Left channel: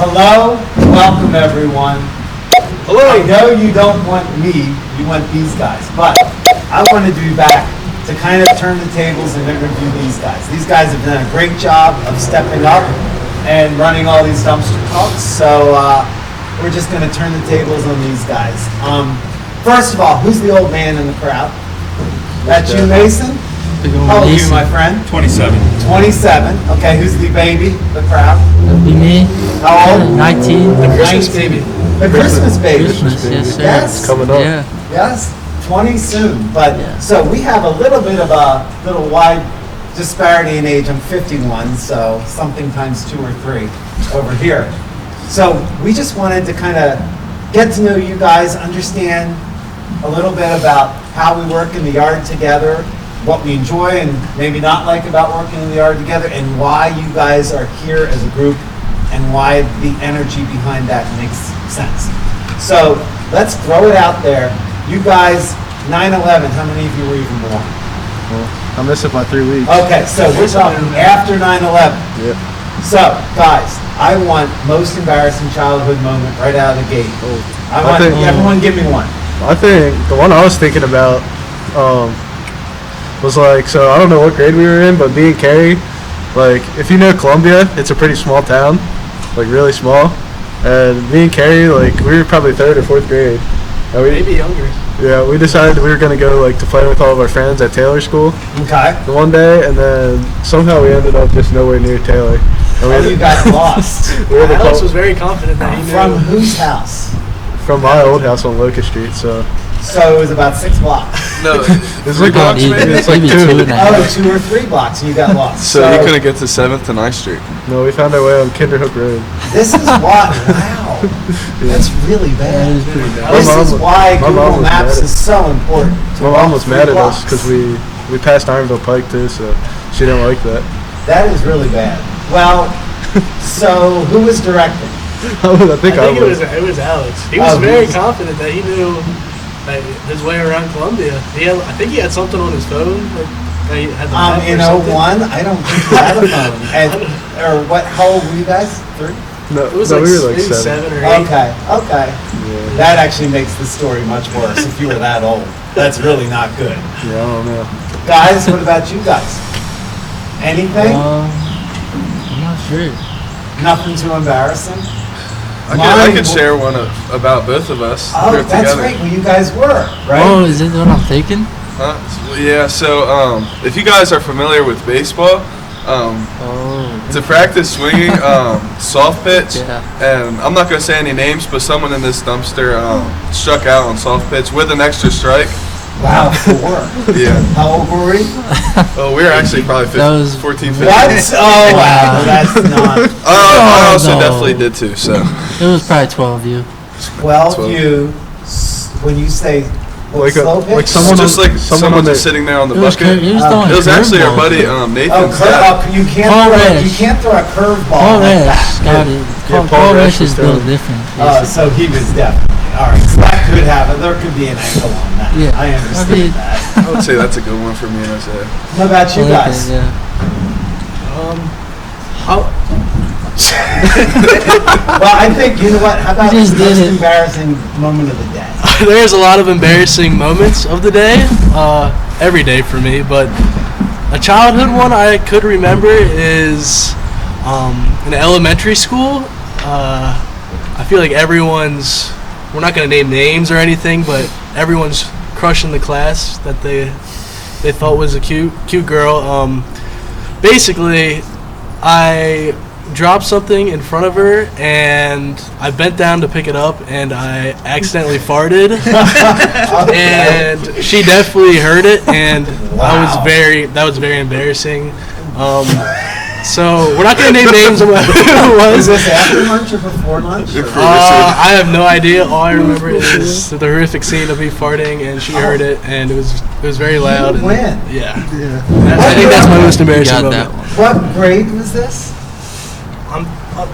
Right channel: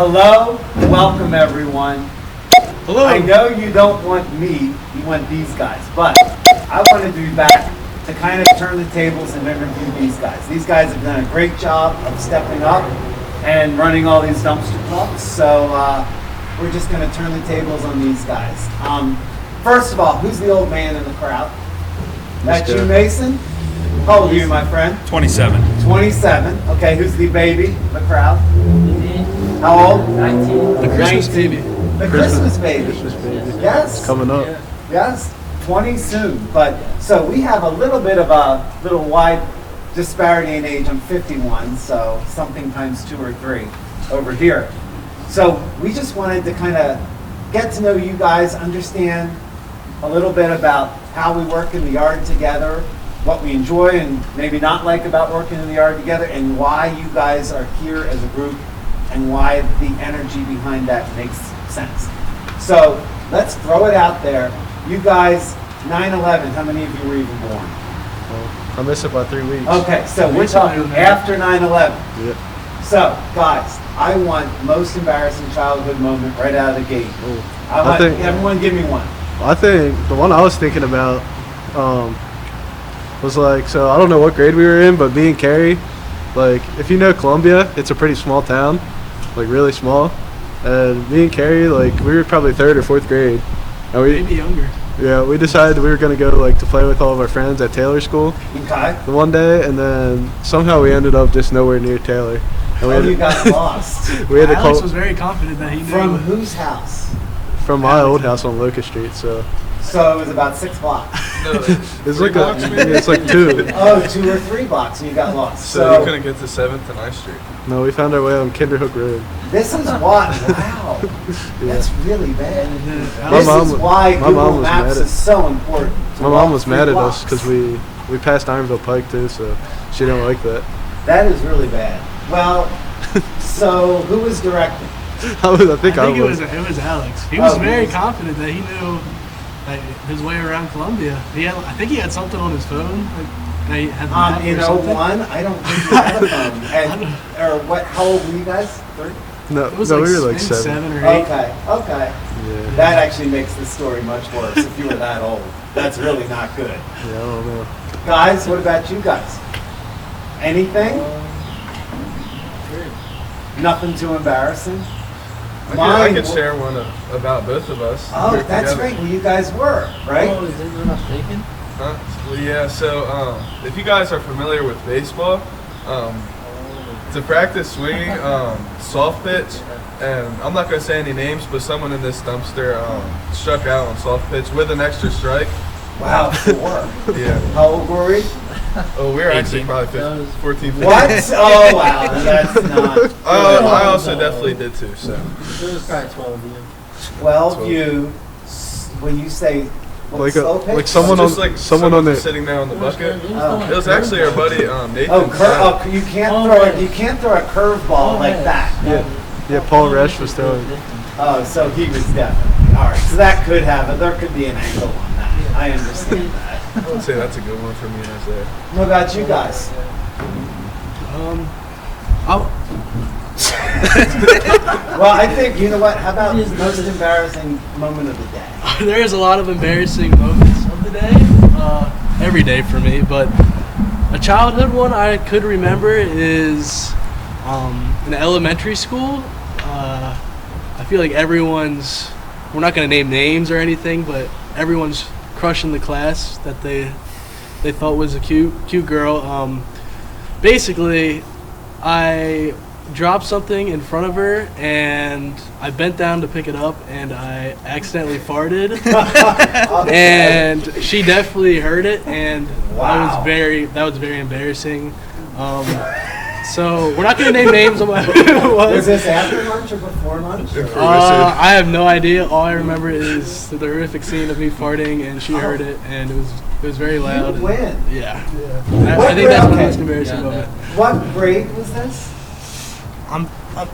Hello, welcome everyone. Hello. I know you don't want me, you want these guys, but I wanted to be back to kind of turn the tables and interview these guys. These guys have done a great job of stepping up and running all these dumpster talks, so we're just going to turn the tables on these guys. First of all, who's the old man in the crowd? That's you, Mason? How old are you, my friend? 27. 27. Okay, who's the baby, the crowd? Be me. How old? 19. The Christmas baby. The Christmas baby. Christmas, yes, sir. Yes. Coming up. Yeah. Yes, 20 soon. But Yeah. so we have a little bit of a little wide disparity in age. I'm 51, so something times 2 or 3 over here. So we just wanted to kind of get to know you guys, understand a little bit about how we work in the yard together, what we enjoy and maybe not like about working in the yard together, and why you guys are here as a group and why the energy behind that makes sense. So let's throw it out there. You guys, 9/11, how many of you were even born? I missed it by 3 weeks. Okay, so we're talking after 9/11. Yep. So, guys, I want most embarrassing childhood moment right out of the gate. I want think- everyone give me one. I think the one I was thinking about was like, so I don't know what grade we were in, but me and Cary, like, if you know Columbia, it's a pretty small town, like really small. And me and Cary, like, we were probably 3rd or 4th grade. And Maybe younger. Yeah, we decided we were going to go, like, to play with all of our friends at Taylor School Okay. the one day, and then somehow we ended up just nowhere near Taylor. And we Oh, had to- you got lost. we had to Alex call was very confident that he knew. From whose house? from my old house on Locust Street, so So it was about 6 blocks. No, it's like, blocks, maybe? it's like Maybe 2. 2 and a half. Oh, 2 or 3 blocks, and you got lost. so you couldn't get to 7th to 9th Street. No, we found our way on Kinderhook Road. This is why. Wow, that's really bad. This My mom is was- why my mom Google was Maps mad at- is so important. to My walk mom was 3 mad at us blocks. because we passed Ironville Pike too, so she didn't like that. That is really bad. Well, so who was directing? I think it was Alex. He was Oh, very he was- confident that he knew like, his way around Columbia. I think he had something on his phone. Like, he had the map In or something. 01, I don't think you had a phone. And, or what? How old were you guys? 3? No, It was no, like, we were like maybe 7 or 8. Okay, okay. Yeah, That actually makes the story much worse if you were that old. That's really not good. yeah, I don't know. Guys, what about you guys? Anything? I'm not sure. Nothing too embarrassing? I Mine could w- share one about both of us. Oh, here that's together. right. Well, you guys were, right? Oh, is it what I'm thinking? Huh? Yeah, so if you guys are familiar with baseball, Oh. to practice swinging soft pitch, Yeah. and I'm not going to say any names, but someone in this dumpster struck out on soft pitch with an extra strike. Wow, 4. Yeah. How old were we? Oh, we were actually probably That was- 14, 15. What? Oh, wow. That's not. I also no. definitely did too, so. It was probably 12 you. 12 you, when you say, what, Like slow pitch? like someone Just like someone someone on the just sitting there on the It was, bucket. it was throwing It was actually our curveballs. buddy Oh, Nathan's dad. you can't Paul throw Resch. you can't throw a curveball Paul like Resch that. got it. Yeah, Paul Paul Resch Resch was is a little throwing. different. So he was definitely, all right, so that could happen. There could be an angle on that. Yeah. I understand I mean- that. I would say that's a good one for me, I say. What about you guys? Yeah. Well, I think, you know what, how about the just did most it. embarrassing moment of the day? There's a lot of embarrassing moments of the day, every day for me, but a childhood one I could remember is in elementary school. I feel like we're not going to name names or anything, but everyone's crushing the class that they thought was a cute girl. Basically, I dropped something in front of her and I bent down to pick it up and I accidentally farted and she definitely heard it and Wow. that was very embarrassing. So we're not gonna name names of who it Was was. this after lunch or before lunch? or- I have no idea. All I remember is the horrific scene of me farting and she heard it and it was very loud. You and- win. Yeah. I think that's my most You embarrassing got moment. that one. What grade was this?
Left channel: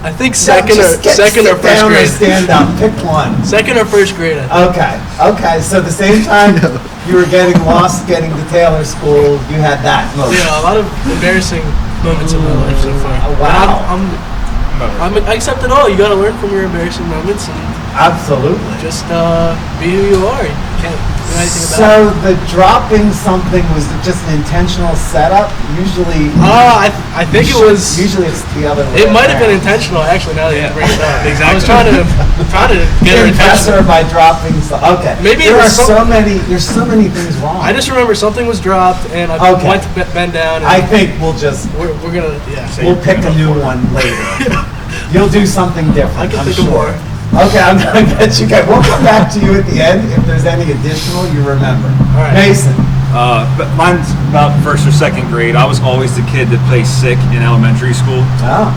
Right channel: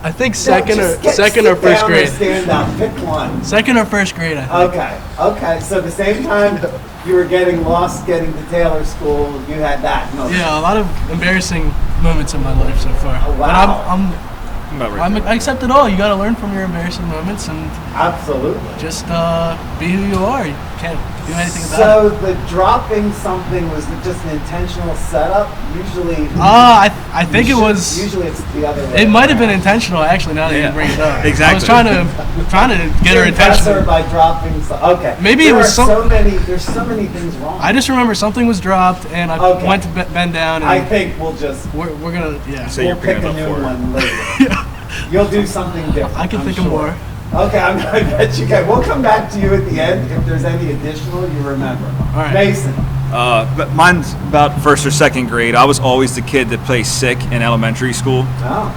I think No, second just or sit first down or grade. stand up, pick one. Second or first grade, I think. Okay, so the same time you were getting lost getting to Taylor School, you had that moment. Yeah, a lot of embarrassing moments in my life so far. Oh, wow. And I accept it all. You got to learn from your embarrassing moments and Absolutely. just be who you are. You can't do anything about So it. the dropping something was just an intentional setup? Usually, I think it was. Usually it's the other way. It might have been around. intentional, actually. Now that you bring it up, Exactly. I was trying to get her Impress her attention. by dropping okay. Maybe there it are was there's so many things wrong. I just remember something was dropped, and I Okay. went to bend down. And I think we'll just we're gonna we'll pick a new one later. You'll do something different. I can I'm think of sure. more. Okay, I'm gonna get you guys. We'll come back to you at the end if there's any additional you remember. All right. Mason. But mine's about first or second grade. I was always the kid that plays sick in elementary school. Oh.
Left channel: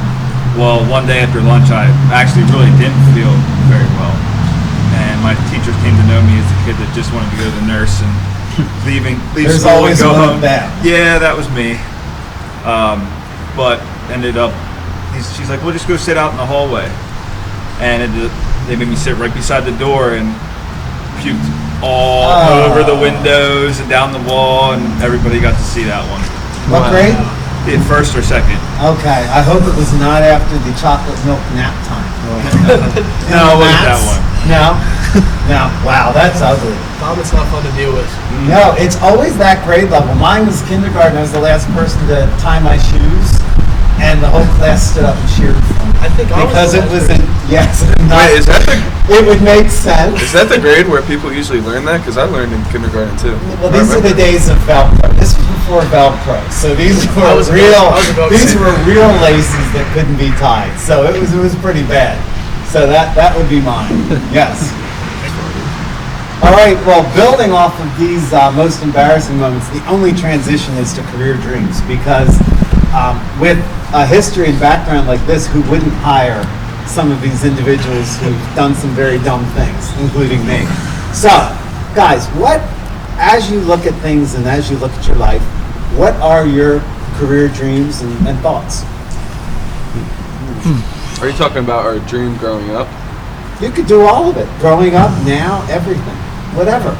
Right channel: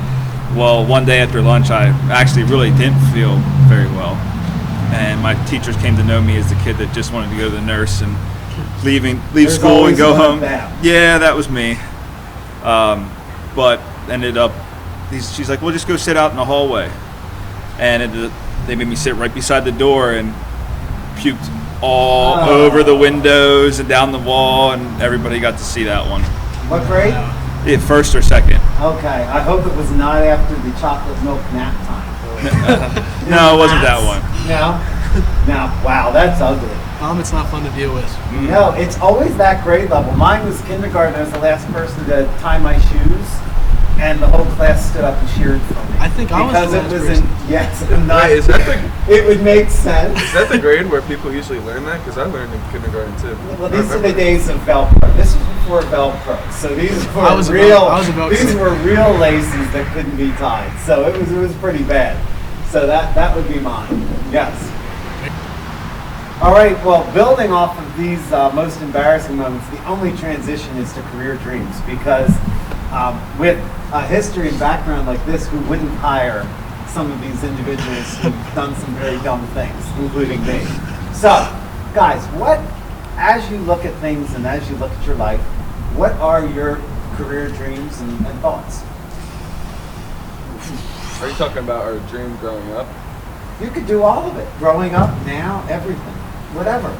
Well, one day after lunch, I actually really didn't feel very well. And my teachers came to know me as the kid that just wanted to go to the nurse and leave There's school and always go one of home. them. Yeah, that was me. But ended up, she's like, well, just go sit out in the hallway. And they made me sit right beside the door and puked all over the windows and down the wall, and everybody got to see that one. What grade? First or second. Okay, I hope it was not after the chocolate milk nap time. No, it wasn't that one. No? No. Wow, that's ugly. Vomit's not fun to deal with. No, it's always that grade level. Mine was kindergarten. I was the last person to tie my shoes, and the whole class stood up and cheered for me. I think I was because the it last was in yes, Wait, is that it would make sense. is that the grade where people usually learn that? Because I learned in kindergarten too. Well, these are the days of Velcro. This was before Velcro, so these were I was about to These say. were real laces that couldn't be tied. So it was pretty bad. So that would be mine. Yes. All right. Well, building off of these most embarrassing moments, the only transition is to career dreams because with a history and background like this, who wouldn't hire some of these individuals who've done some very dumb things, including me? So, guys, as you look at things and as you look at your life, what are your career dreams and thoughts? Are you talking about our dream growing up? You could do all of it. Growing up, now, everything. Whatever.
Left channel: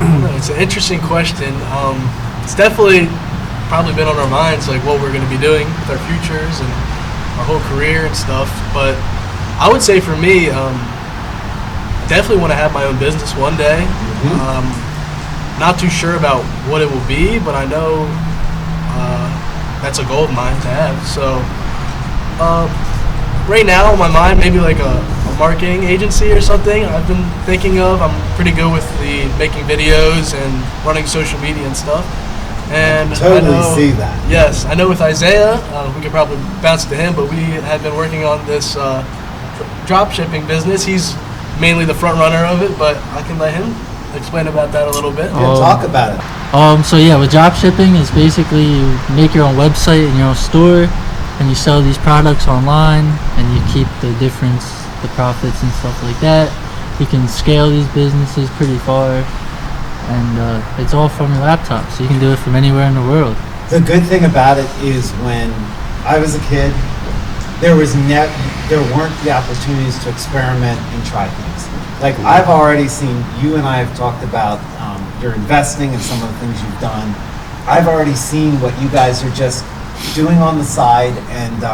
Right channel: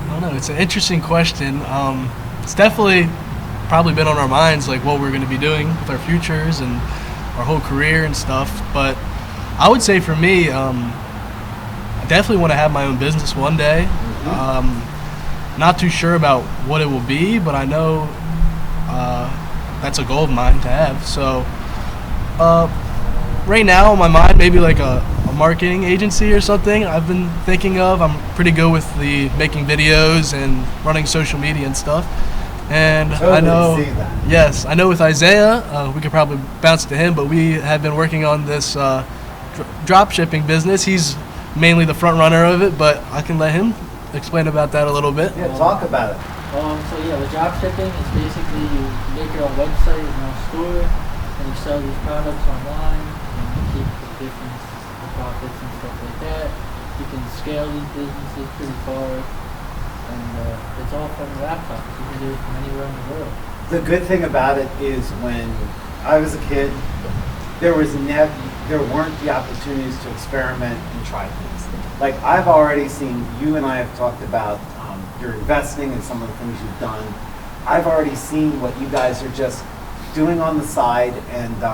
I don't know. It's an interesting question. It's definitely probably been on our minds, like what we're going to be doing with our futures and our whole career and stuff. But I would say for me, I definitely want to have my own business one day. Not too sure about what it will be, but I know that's a goal of mine to have. So right now on my mind, maybe like a marketing agency or something I've been thinking of. I'm pretty good with the making videos and running social media and stuff. And Totally I know, see that. Yes, I know with Isaiah, we could probably bounce it to him, but we have been working on this drop shipping business. He's mainly the front runner of it, but I can let him explain about that a little bit. Yeah, talk about it. So yeah, with drop shipping, it's basically you make your own website and your own store, and you sell these products online, and you keep the difference, the profits and stuff like that. You can scale these businesses pretty far, and it's all from your laptop, so you can do it from anywhere in the world. The good thing about it is when I was a kid, there weren't the opportunities to experiment and try things. Like I've already seen, you and I have talked about your investing and some of the things you've done. I've already seen what you guys are just doing on the side, and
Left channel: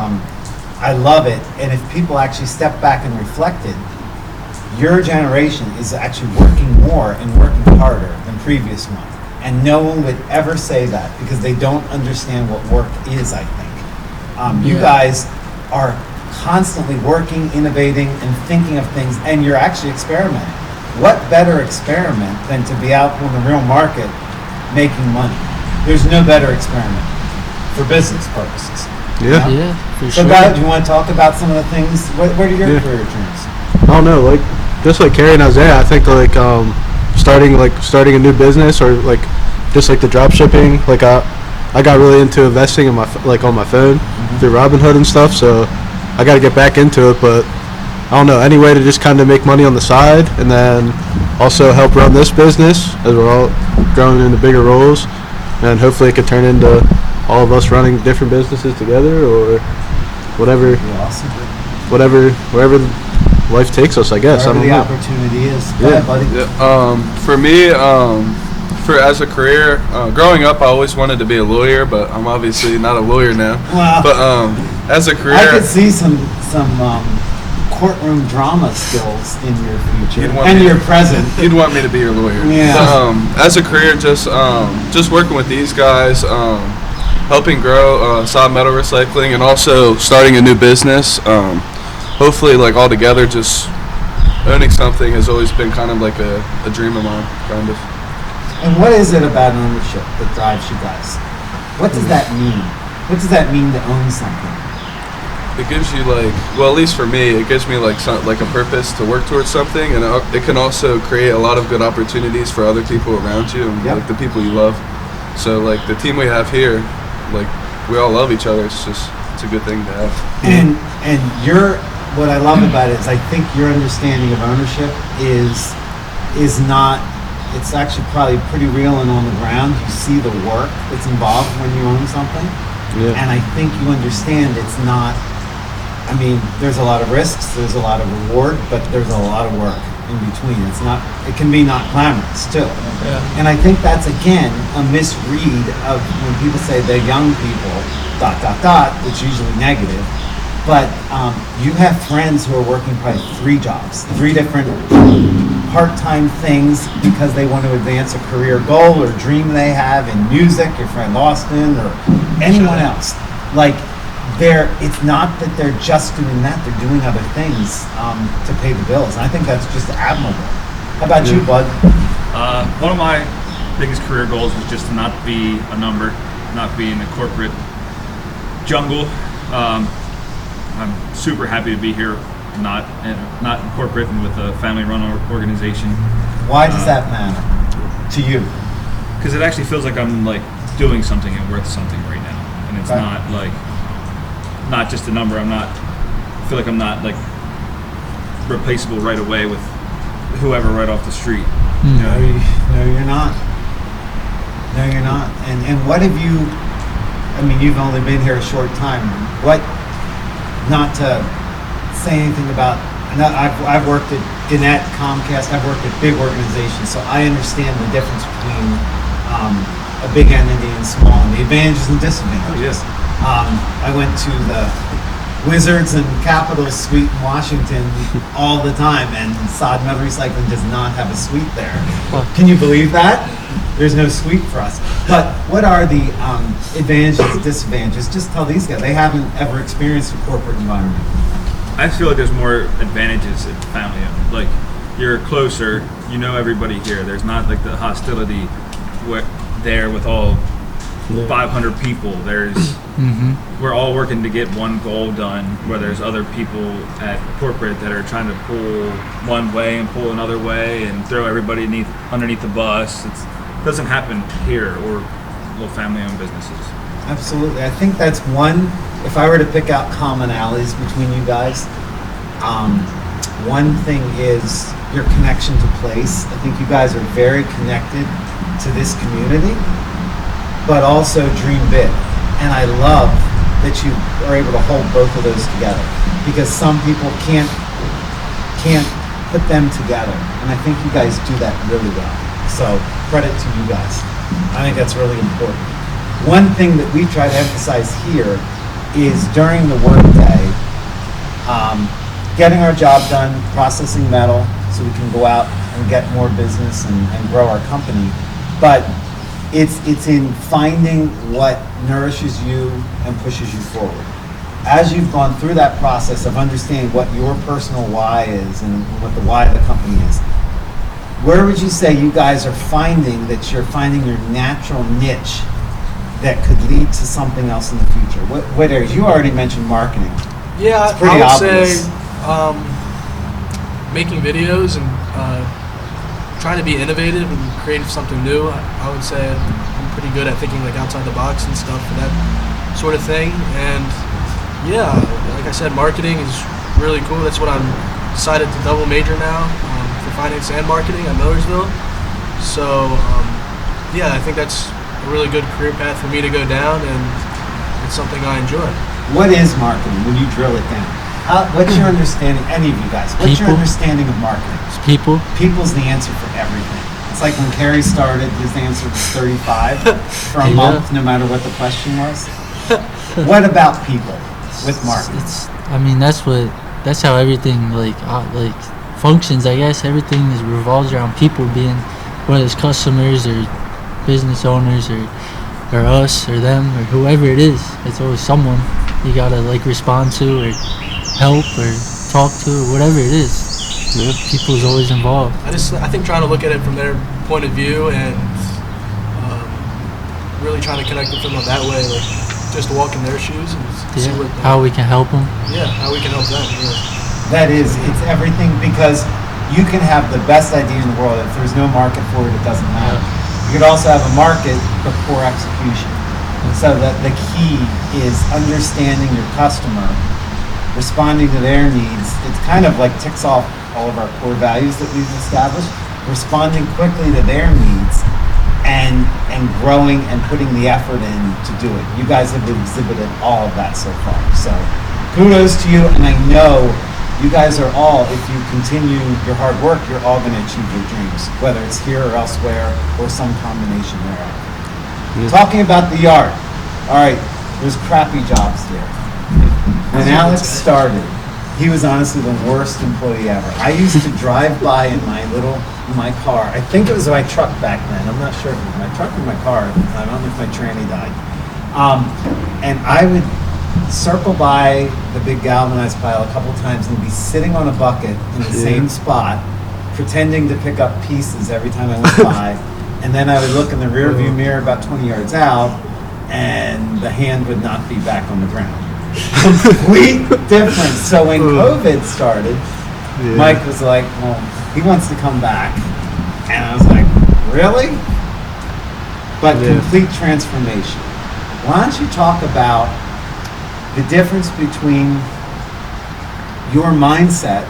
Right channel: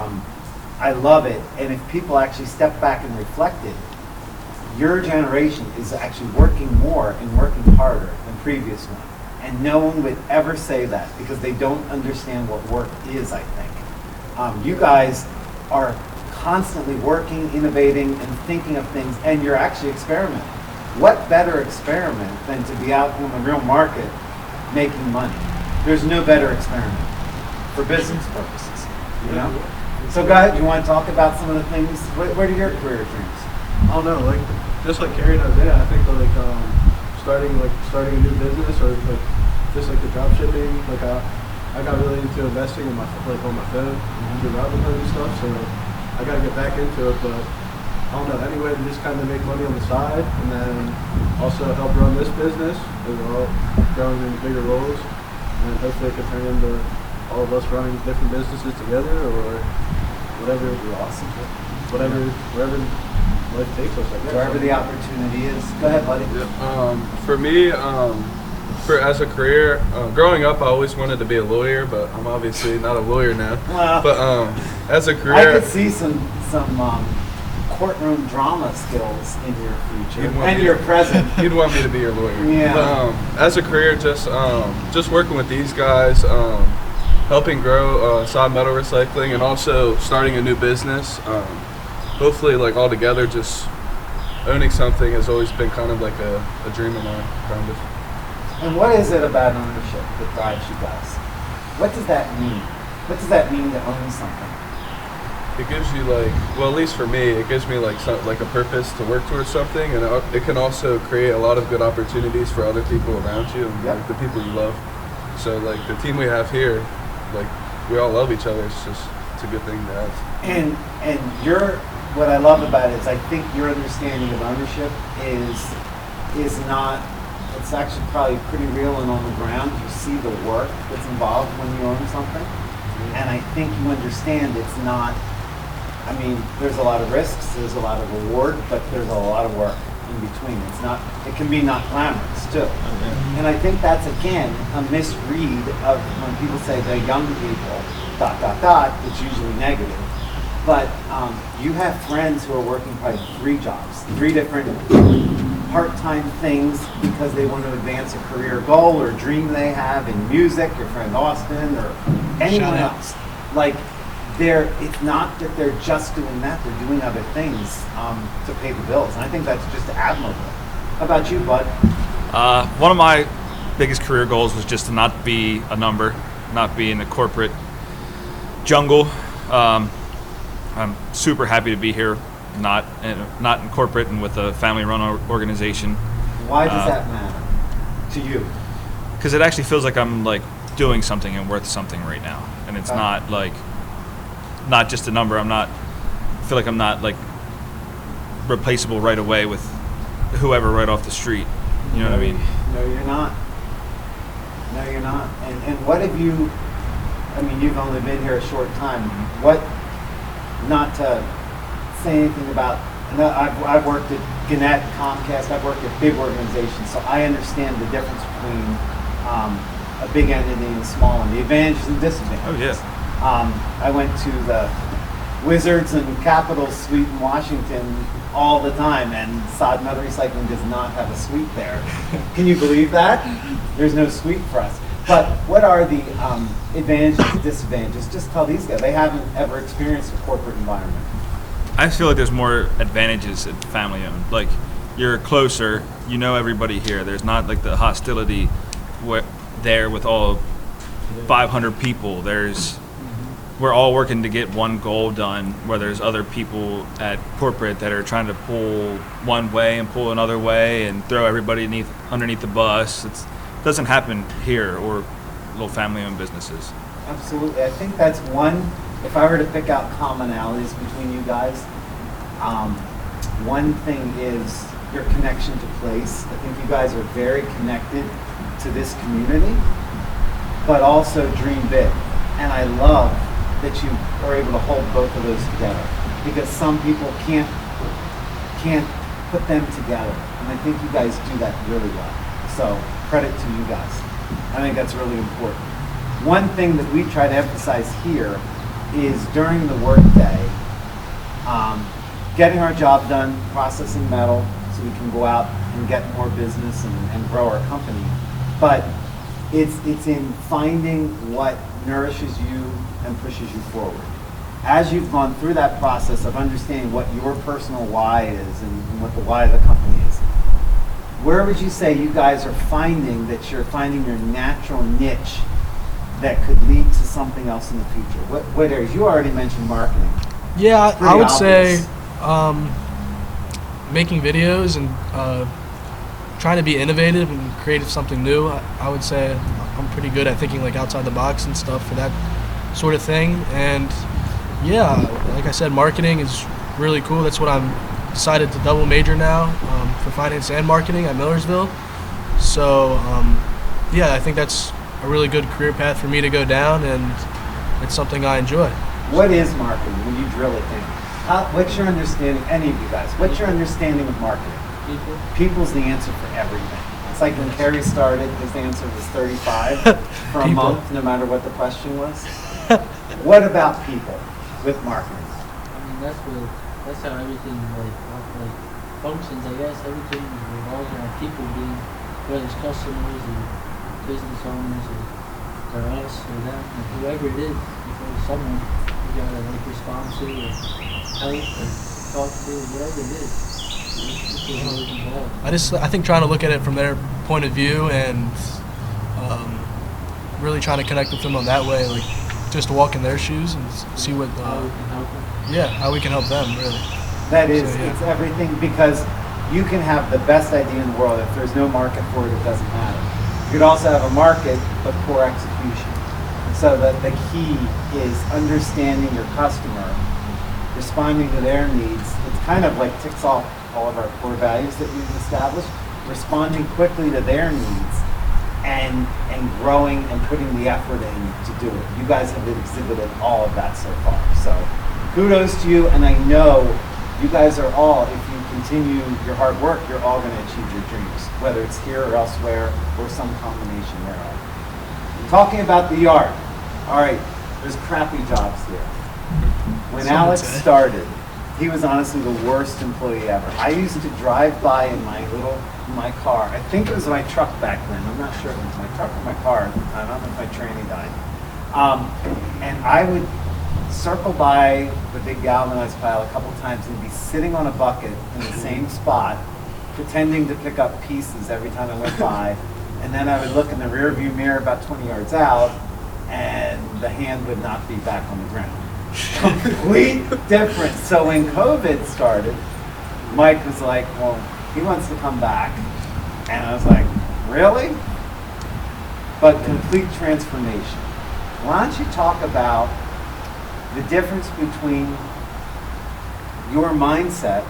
I love it. And if people actually step back and reflected, your generation is actually working more and working harder than previous ones. And no one would ever say that because they don't understand what work is, I think. You guys are constantly working, innovating, and thinking of things, and you're actually experimenting. What better experiment than to be out in the real market making money? There's no better experiment for business purposes. Yeah. Yeah, for So, sure. guys, do you want to talk about some of the things? What are your career dreams? I don't know, like just like Cary and Isaiah, I think like starting a new business or like just like the drop shipping. Like I got really into investing in on my phone through Robinhood and stuff. So I got to get back into it, but I don't know, any way to just kind of make money on the side and then also help run this business as we're all growing into bigger roles, and hopefully it could turn into all of us running different businesses together or whatever, Be awesome. wherever life takes us, I guess. Wherever I the don't know. opportunity is. Go ahead, buddy. Yeah. For me, as a career, growing up, I always wanted to be a lawyer, but I'm obviously not a lawyer now. Wow. But as a career, I could see some courtroom drama skills in your future You'd want and me- your present. You'd want me to be your lawyer. Yeah. As a career, just working with these guys, helping grow Sahd Metal Recycling, and also starting a new business. Hopefully, like all together, just owning something has always been kind of like a dream of mine, kind of. And what is it about ownership that drives you guys? What does that mean? What does that mean to own something? It gives you at least for me, it gives me like a purpose to work towards something, and it can also create a lot of good opportunities for other people around you, and Yep. like the people you love. So like the team we have here, like we all love each other. It's a good thing to have. And what I love about it is I think your understanding of ownership is not, it's actually probably pretty real and on the ground. You see the work that's involved when you own something. Yeah. And I think you understand it's not, I mean, there's a lot of risks, there's a lot of reward, but there's a lot of work in between. It can be not glamorous too. And I think that's, again, a misread of when people say they're young people, ... it's usually negative. But you have friends who are working probably 3 jobs, 3 different part-time things because they want to advance a career goal or dream they have in music, your friend Austin or anyone else. Like, it's not that they're just doing that, they're doing other things to pay the bills. And I think that's just admirable. How about you, Bud? One of my biggest career goals was just to not be a number, not be in the corporate jungle. I'm super happy to be here, not in corporate and with a family-run organization. Why does that matter to you? Because it actually feels like I'm like doing something and worth something right now, and it's not just a number. I feel like I'm not like replaceable right away with whoever right off the street. You know what I mean? No, you're not. No, you're not. And what have you? I mean, you've only been here a short time. What? Not to say anything about. I've worked at Gannett, Comcast. I've worked at big organizations, so I understand the difference between a big entity and small, and the advantages and disadvantages. I went to the Wizards and Capitol suite in Washington all the time, and Sahd Metal Recycling does not have a suite there. Can you believe that? There's no suite for us. But what are the advantages, disadvantages? Just tell these guys. They haven't ever experienced a corporate environment. I feel like there's more advantages in family owned. Like, you're closer, you know everybody here. There's not like the hostility there with all 500 people. There's we're all working to get one goal done, where there's other people at corporate that are trying to pull one way and pull another way and throw everybody underneath the bus. It doesn't happen here or little family-owned businesses. Absolutely. I think that's one. If I were to pick out commonalities between you guys, one thing is your connection to place. I think you guys are very connected to this community, but also dream big. And I love that you are able to hold both of those together, because some people can't put them together. And I think you guys do that really well. So credit to you guys. I think that's really important. One thing that we try to emphasize here is during the workday, getting our job done, processing metal so we can go out and get more business and grow our company. But it's in finding what nourishes you and pushes you forward. As you've gone through that process of understanding what your personal why is and what the why of the company is, where would you say you guys are finding that you're finding your natural niche that could lead to something else in the future? What areas? You already mentioned marketing. Yeah, It's pretty I would obvious. say making videos and trying to be innovative and creative, something new. I would say I'm pretty good at thinking like outside the box and stuff for that sort of thing. And yeah, like I said, marketing is really cool. That's what I'm decided to double major now for finance and marketing at Millersville. So yeah, I think that's a really good career path for me to go down, and it's something I enjoy. What is marketing when you drill it down? What's your understanding, any of you guys, what's your People. understanding of marketing? It's people. People's the answer for everything. It's like when Cary started, his answer was 35 for a People. month, no matter what the question was. What about people with marketing? I mean, that's how everything like functions. I guess everything is revolves around people being, whether it's customers or business owners or us or them or whoever it is. It's always someone you gotta like respond to or help or talk to or whatever it is. People's always involved. I think trying to look at it from their point of view and really trying to connect with them on that way, like just walk in their shoes and see what how we can help them. Yeah, how we can help them, really. That is, it's everything, because you can have the best idea in the world. If there's no market for it, it doesn't matter. You could also have a market, but poor execution. So the key is understanding your customer, responding to their needs. It's kind of like ticks off all of our core values that we've established, responding quickly to their needs and growing and putting the effort in to do it. You guys have exhibited all of that so far. So kudos to you, and I know you guys are all, if you continue your hard work, you're all going to achieve your dreams, whether it's here or elsewhere or some combination thereof. Talking about the yard. All right, there's crappy jobs here. When Alex started, he was honestly the worst employee ever. I used to drive by in my car. I think it was my truck back then. I'm not sure if it was my truck or my car at the time. I don't know if my tranny died. And I would circle by the big galvanized pile a couple times and be sitting on a bucket in the same spot, pretending to pick up pieces every time I went by. And then I would look in the rear view mirror about 20 yards out, and the hand would not be back on the ground. Complete difference. So when COVID started, Mike was like, well, he wants to come back. And I was like, really? But complete transformation. Why don't you talk about the difference between your mindset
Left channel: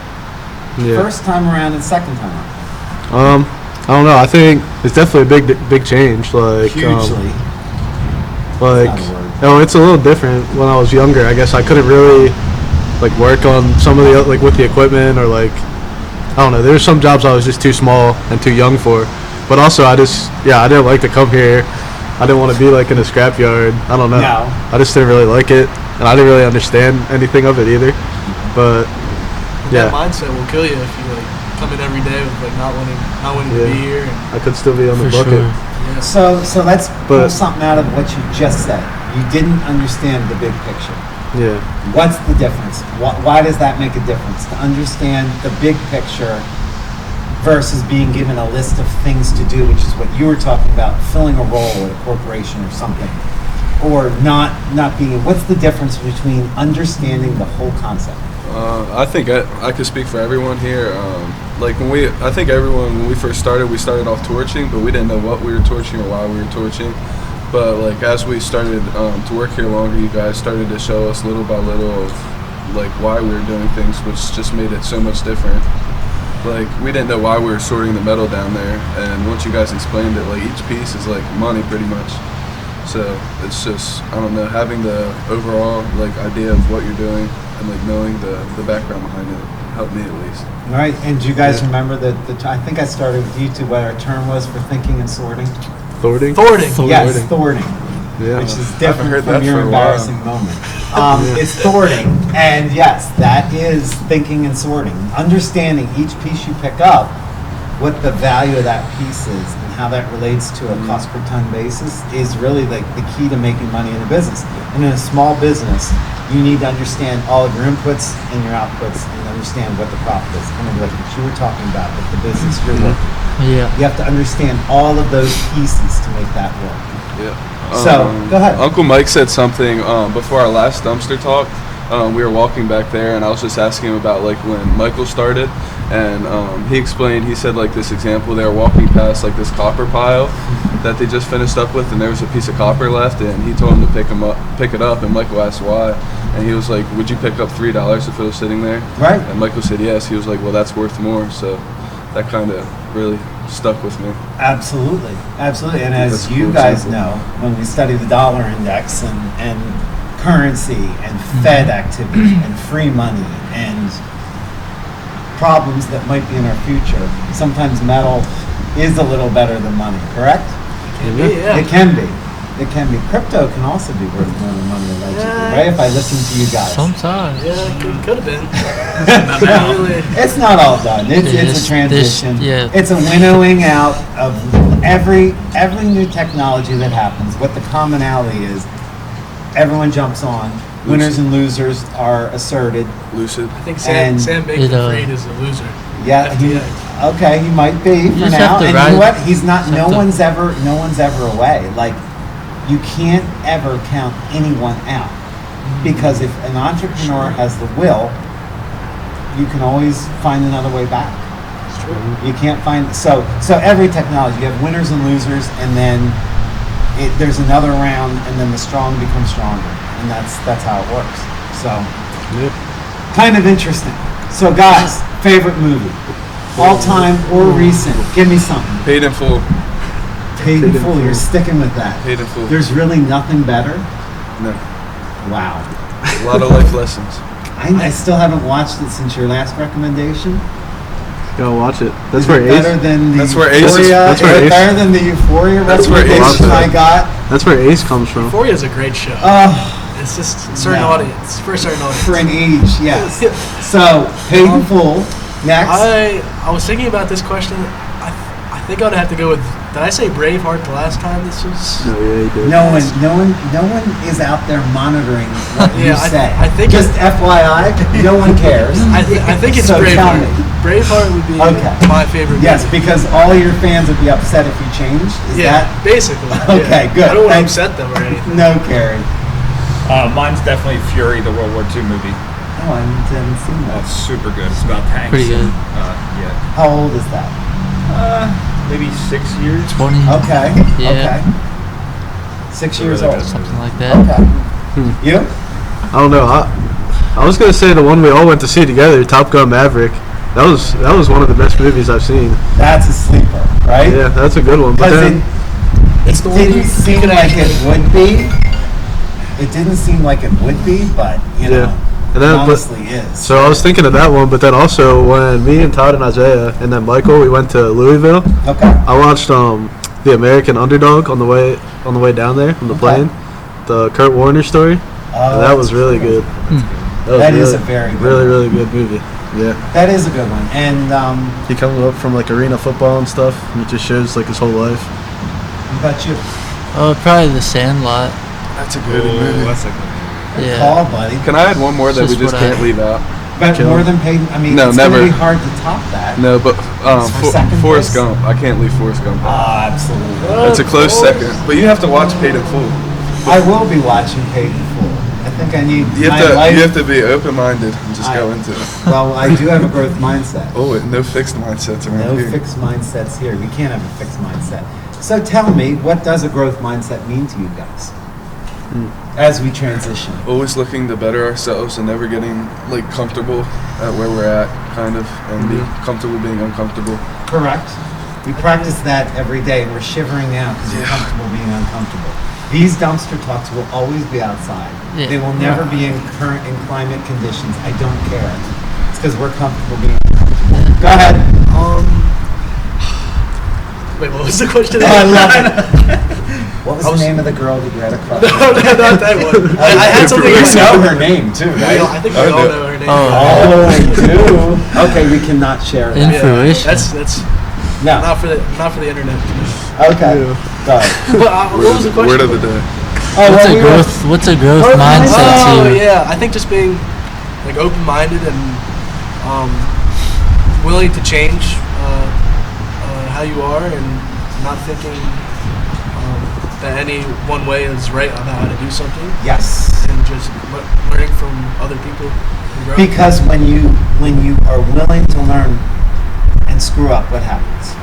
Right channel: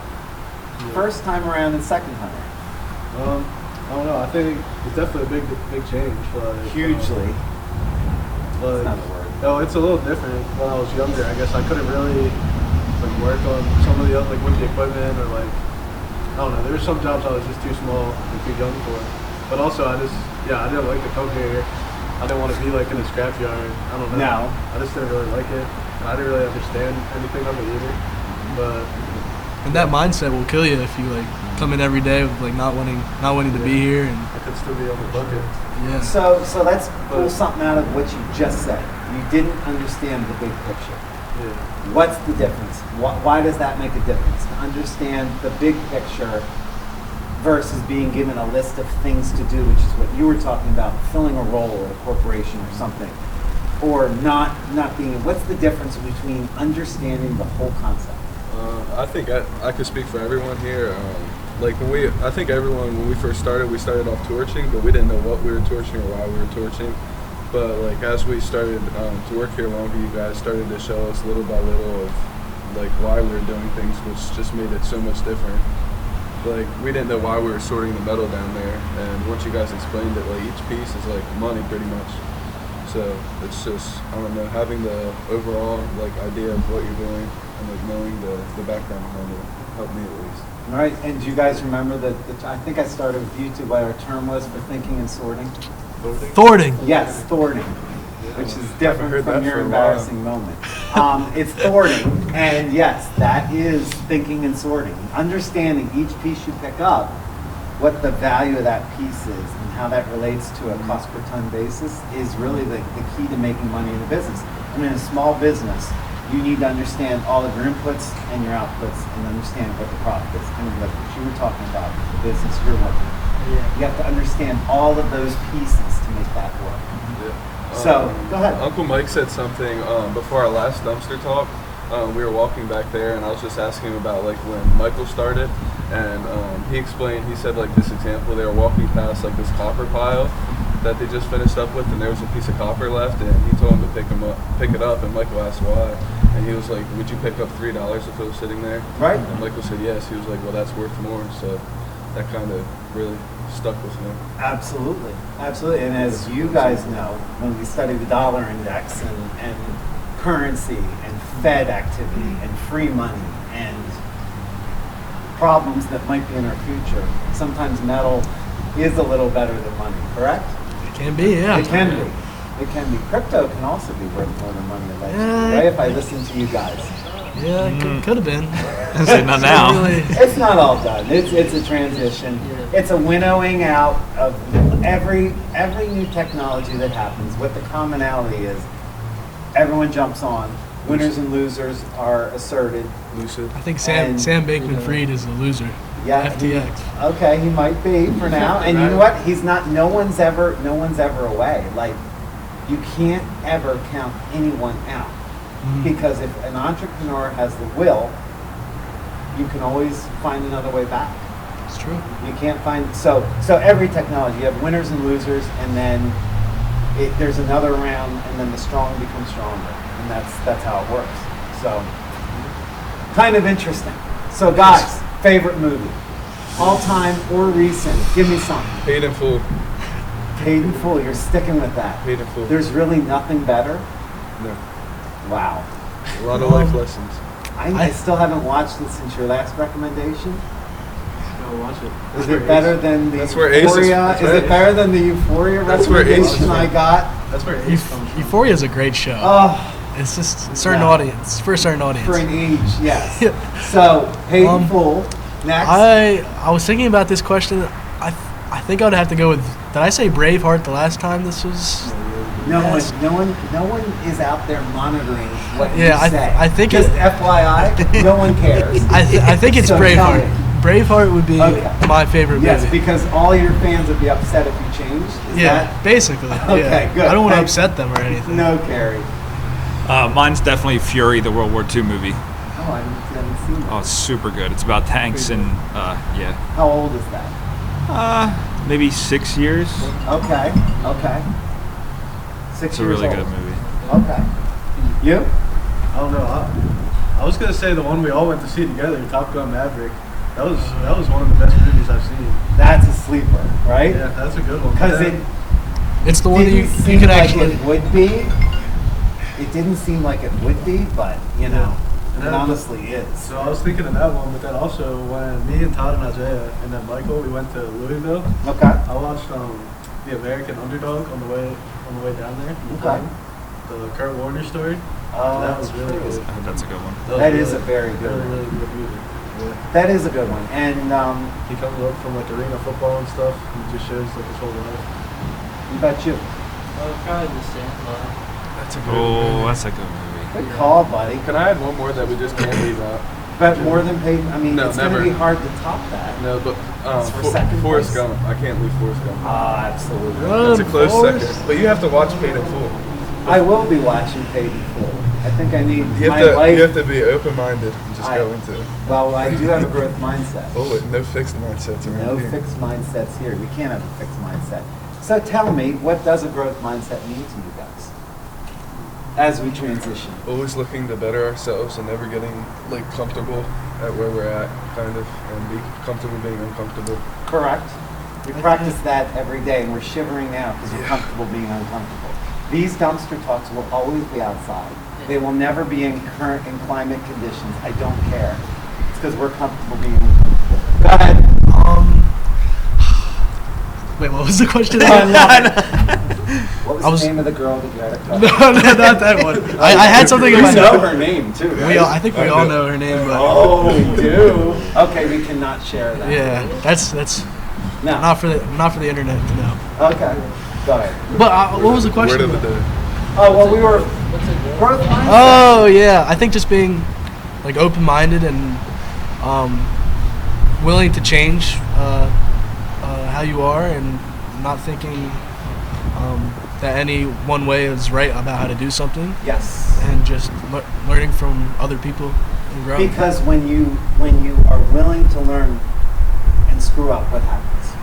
first time around and second time around? I don't know. I think it's definitely a big change. Like Hugely. It's a little different. When I was younger, I guess I couldn't really like work on some of the like with the equipment, or like I don't know. There's some jobs I was just too small and too young for. But also I didn't like to come here. I didn't want to be like in a scrapyard. I don't know. No. I just didn't really like it, and I didn't really understand anything of it either. But that mindset will kill you if you like come in every day with like not wanting to be here. And I could still be on the For bucket. sure. yeah. So let's pull something out of what you just said. You didn't understand the big picture. Yeah. What's the difference? Why does that make a difference? To understand the big picture versus being given a list of things to do, which is what you were talking about, filling a role at a corporation or something, or not being. What's the difference between understanding the whole concept? I think I could speak for everyone here. I think everyone, when we first started, we started off torching, but we didn't know what we were torching or why we were torching. But like as we started to work here longer, you guys started to show us little by little of like why we were doing things, which just made it so much different. Like we didn't know why we were sorting the metal down there, and once you guys explained it, like each piece is like money pretty much. So it's just, I don't know, having the overall like idea of what you're doing and like knowing the background behind it helped me at least. All right, and do you guys remember that I think I started with you two what our term was for thinking and sorting? Thwarting. Yes, thwarting. Yeah. Which is I haven't different heard from that your for a embarrassing moment. It's thwarting, and yes, that is thinking and sorting. Understanding each piece you pick up, what the value of that piece is, and how that relates to a cost per ton basis is really like the key to making money in a business. And in a small business, you need to understand all of your inputs and your outputs and understand what the profit is. Kind of like what you were talking about with the business you're working. Yeah. You have to understand all of those pieces to make that work. Yeah. So, go ahead. Uncle Mike said something before our last dumpster talk. We were walking back there, and I was just asking him about like when Michael started, and he explained. He said like this example: they were walking past like this copper pile that they just finished up with, and there was a piece of copper left, and he told him to pick it up, and Michael asked why, and he was like, "Would you pick up $3 if it was sitting there?" Right. And Michael said yes. He was like, "Well, that's worth more." So that kind of really stuck with me. Absolutely. And as That's a you cool guys example. know, when we study the dollar index and currency and Fed activity and free money and problems that might be in our future, sometimes metal is a little better than money, correct? It can be, yeah. It can be. It can be. Crypto can also be worth more than money, allegedly, Yeah. right? If I listen to you guys. Sometimes. Yeah, could have been. Not now. Really. It's not all done. It's Yeah, a this- transition. yeah. It's a winnowing out of every new technology that happens. What the commonality is, everyone jumps on. Winners and losers are asserted. Lucid. I think And Sam Bankman it, Fried is the loser. Yeah, FTX. okay, he might be for just now. have to And you ride- know what? He's not. just No have to- one's ever away. Like, you can't ever count anyone out because if an entrepreneur has the will, you can always find another way back. It's true. You can't find so every technology, you have winners and losers, and then there's another round, and then the strong become stronger, and that's how it works. So, kind of interesting. So, guys, favorite movie, all time or recent? Give me something. Paid in full. Paid in full. You're sticking with that. Paid in full. There's really nothing better. No. Wow. A lot of life lessons. I still haven't watched it since your last recommendation. Go watch it. That's Is where it better Ace. than the That's where Ace Euphoria? is- that's Is where it Ace- better than the Euphoria That's where Ace recommendation is. I got? That's where Ace comes from. Euphoria is a great show. It's just a certain no. audience, for a certain audience. For an age, yes. Yeah. So, paid in full. Next. I was thinking about this question. I think I'd have to go with. Did I say Braveheart the last time this was? No, yeah, you did. No one is out there monitoring what you Yeah, say. I think just FYI, no one cares. I think it's So tell Braveheart. me. Braveheart would be Okay. my favorite Yes, movie. because all your fans would be upset if you changed. Is Yeah, that basically. yeah. Okay, good. I don't want to Thanks. upset them or anything. no, Cary? Mine's definitely Fury, the World War II movie. Oh, I haven't seen Oh, that. it's super good. It's about tanks. Pretty good. Yeah. How old is that? Maybe 6 years. 20. Okay. Yeah. Okay. 6 years Really old. good. Something like that. Okay. You? I don't know. I was gonna say the one we all went to see together, Top Gun Maverick. That was one of the best movies I've seen. That's a sleeper, right? Yeah, that's a good one. But Because then, It's the one didn't you seem could like actually. it would be. It didn't seem like it would be, but you know, Yeah. And it then- but- honestly is. so I was thinking of that one, but then also when me and Todd and Isaiah and then Michael, we went to Louisville. Okay. I watched the American Underdog on the way down there on the Okay. plane, the Kurt Warner story. And that was really good. That's a good one. Was That is really, a very good really one. really good movie. Yeah, That is a good one. And he comes up from like arena football and stuff, and it just shows like his whole life. but you Probably The Sandlot. That's a good Oh, movie. that's a good good Yeah. call, buddy. Can I add one more that we Just just what I- can't leave out? But Kill more him. than paid. I mean, No, it's never. gonna be hard to top that. No, but It's for second Forrest place? Gump. I can't leave Forrest Gump. Ah, absolutely. It's a close second. But you have to watch Paid in Full. I will be watching Paid in Full. I think I need You my have to, life. you have to be open-minded and just go into it. Well, I do have a growth mindset. Oh, wait, no fixed mindsets around No here. fixed mindsets here. We can't have a fixed mindset. So tell me, what does a growth mindset mean to you guys as we transition? Always looking to better ourselves and never getting like comfortable at where we're at, kind of, and be comfortable being uncomfortable. Correct. We practice that every day, and we're shivering now because we're comfortable being uncomfortable. These dumpster talks will always be outside. Yeah. They will never be in climate conditions. I don't care. It's because we're comfortable being uncomfortable. Go ahead. Wait, what was the question? Oh, I love it. What was I was- the name of the girl that you had a crush No, on? no, not that one. I had something in You my know head. her name too, We right? all, I think we all know her name. Oh, we do. Okay, we cannot share In that. yeah, fruition. that's No. not for the internet to know. Okay. Go ahead. But what was the question? Word of the day. Oh, What's well, a we were- growth Growth mindset? Oh too? yeah, I think just being like open-minded and willing to change how you are, and not thinking that any one way is right about how to do something, Yes. and just learning from other people and grow. Because when you are willing to learn and screw up, what happens?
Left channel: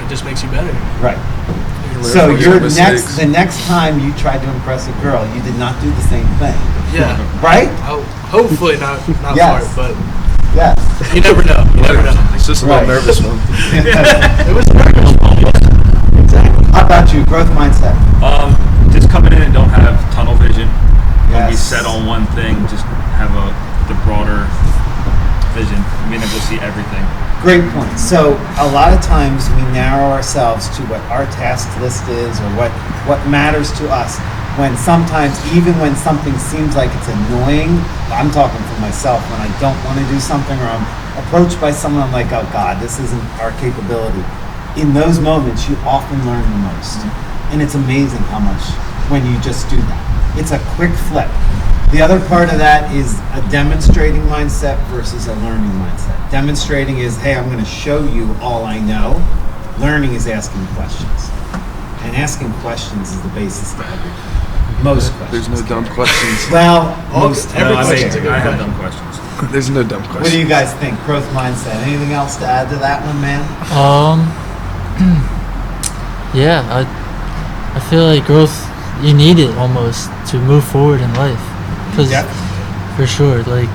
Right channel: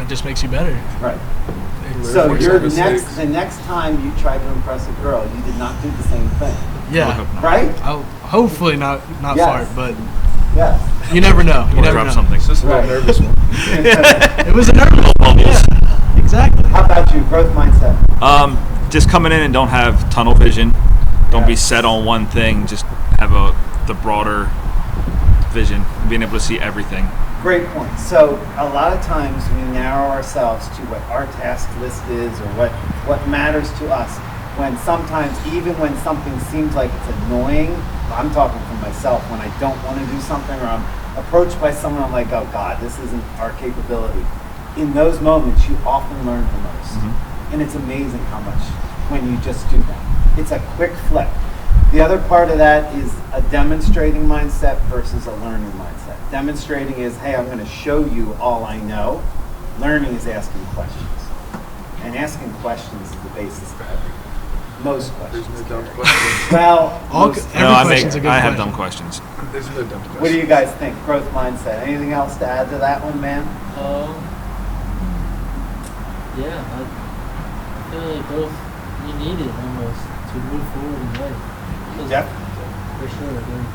It just makes you better. Right. Learn So from your your mistakes. the next time you tried to impress a girl, you did not do the same thing, Yeah. right? Hopefully not Yes. fart, but Yes. you never know. You never know. It's just a Right. little nervous one. It was a nervous one. Yeah, exactly. How about you? Growth mindset. Just coming in and don't have tunnel vision. Don't be Yes. set on one thing. Just have the broader vision, being able to see everything. Great point. So a lot of times we narrow ourselves to what our task list is or what what matters to us. When sometimes, even when something seems like it's annoying, I'm talking for myself, when I don't want to do something or I'm approached by someone, I'm like, oh God, this isn't our capability. In those moments, you often learn the most. And it's amazing how much when you just do that. It's a quick flip. The other part of that is a demonstrating mindset versus a learning mindset. Demonstrating is, hey, I'm going to show you all I know. Learning is asking questions. And asking questions is the basis to everything. Most questions. There's no dumb questions. Well, Every question's a good I have question. dumb questions. There's no dumb questions. what do you guys think? Growth mindset. Anything else to add to that one, man? Yeah, I feel like growth, you need it almost to move forward in life. Because for sure, like,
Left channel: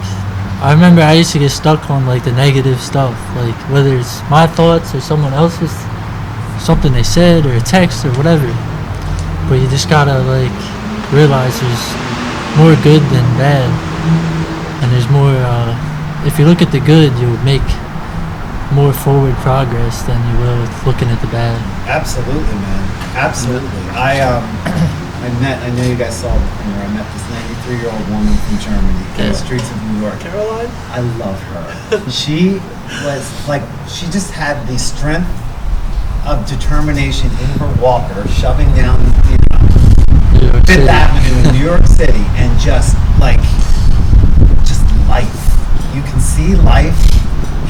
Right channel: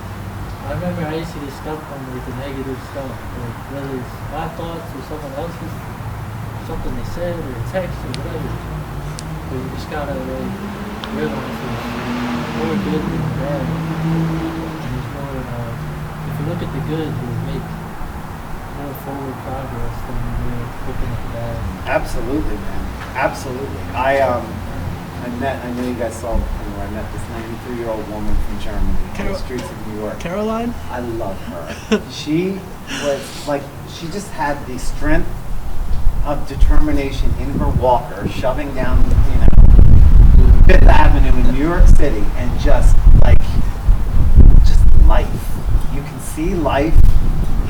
I remember I used to get stuck on like the negative stuff, like whether it's my thoughts or someone else's, something they said or a text or whatever. But you just gotta like realize there's more good than bad, and there's more. If you look at the good, you'll make more forward progress than you will looking at the bad. Absolutely, man. Absolutely. I know you guys saw the premiere. I met this 93-year-old woman from Germany in the streets of New York. Caroline? I love her. She was like, she just had the strength of determination in her walker, shoving down, New York Fifth City. Avenue in New York City, and just life. You can see life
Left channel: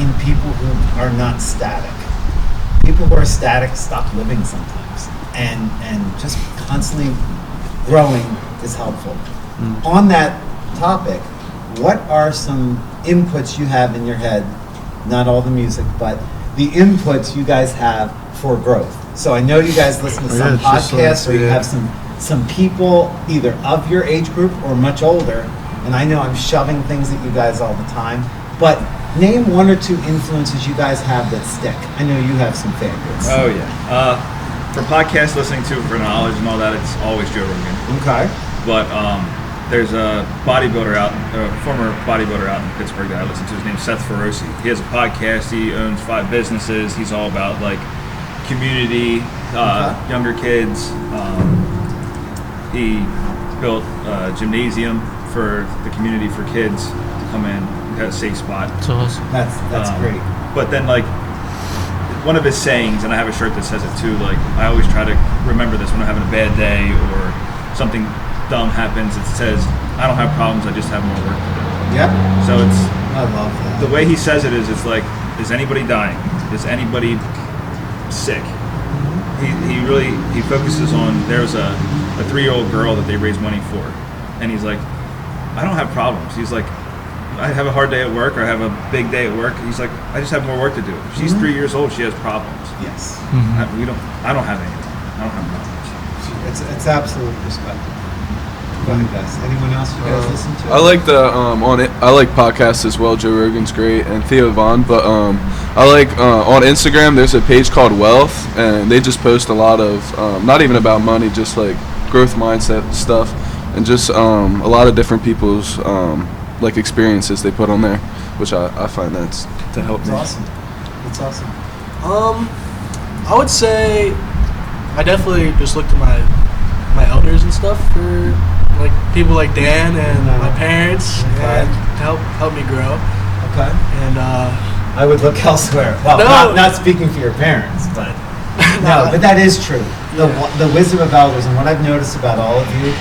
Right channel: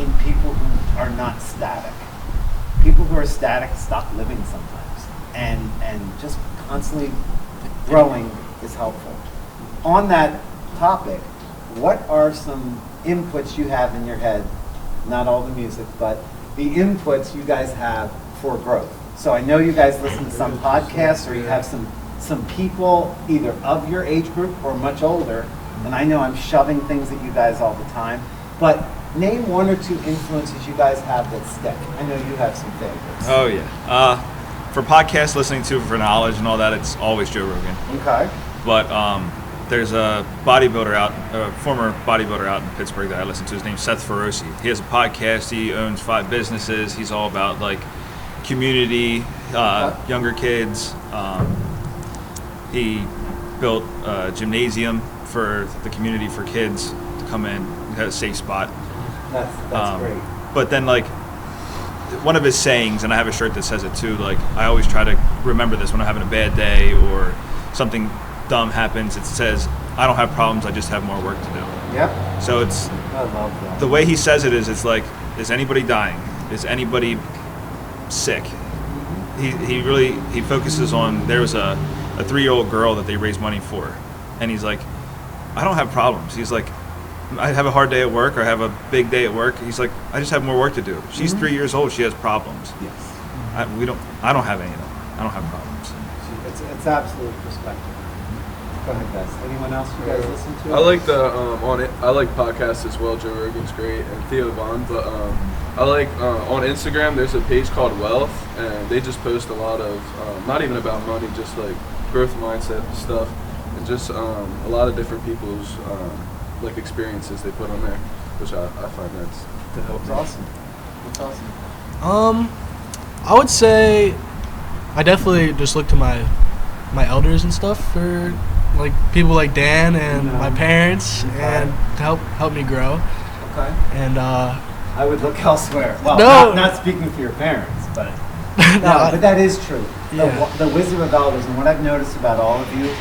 in people who are not static. People who are static stop living sometimes, and just constantly growing is helpful. On that topic, what are some inputs you have in your head? Not all the music, but the inputs you guys have for growth. So I know you guys listen to some Yeah, it's just podcasts, like, or you yeah. have some people either of your age group or much older, and I know I'm shoving things at you guys all the time, but name one or two influences you guys have that stick. I know you have some favorites. Oh yeah. For podcast listening to for knowledge and all that, it's always Joe Rogan. Okay. But there's a bodybuilder former bodybuilder out in Pittsburgh that I listen to. His name's Seth Feroci. He has a podcast. He owns 5 businesses. He's all about like community, younger kids. He built a gymnasium for the community for kids to come in, have a safe spot. So awesome. That's great. But then like one of his sayings, and I have a shirt that says it too, like I always try to remember this when I'm having a bad day or something dumb happens. It says, I don't have problems, I just have more work to do. Yep. So it's, I love that. the way he says it is, it's like, is anybody dying? Is anybody sick? He focuses on, there's a 3-year-old girl that they raise money for, and he's like, I don't have problems. He's like, I have a hard day at work, or I have a big day at work. He's like, I just have more work to do. She's 3 years old, she has problems. Yes. I don't have any of that. I don't have problems. It's absolute perspective. Go ahead, guys. Anyone else you guys listen to? I like the I like podcasts as well. Joe Rogan's great, and Theo Vaughn. But I like on Instagram. There's a page called Wealth, and they just post a lot of not even about money, just like growth mindset stuff, and just a lot of different people's like experiences they put on there, which I find that's to help That's me. awesome. That's awesome. I would say I definitely just look to my elders and stuff for like people like Dan and my parents, Okay. and to help me grow. Okay. And I would look elsewhere. Well, No. not speaking for your parents, but No, but that is true. Yeah. The wisdom of elders, and what I've noticed about all of you,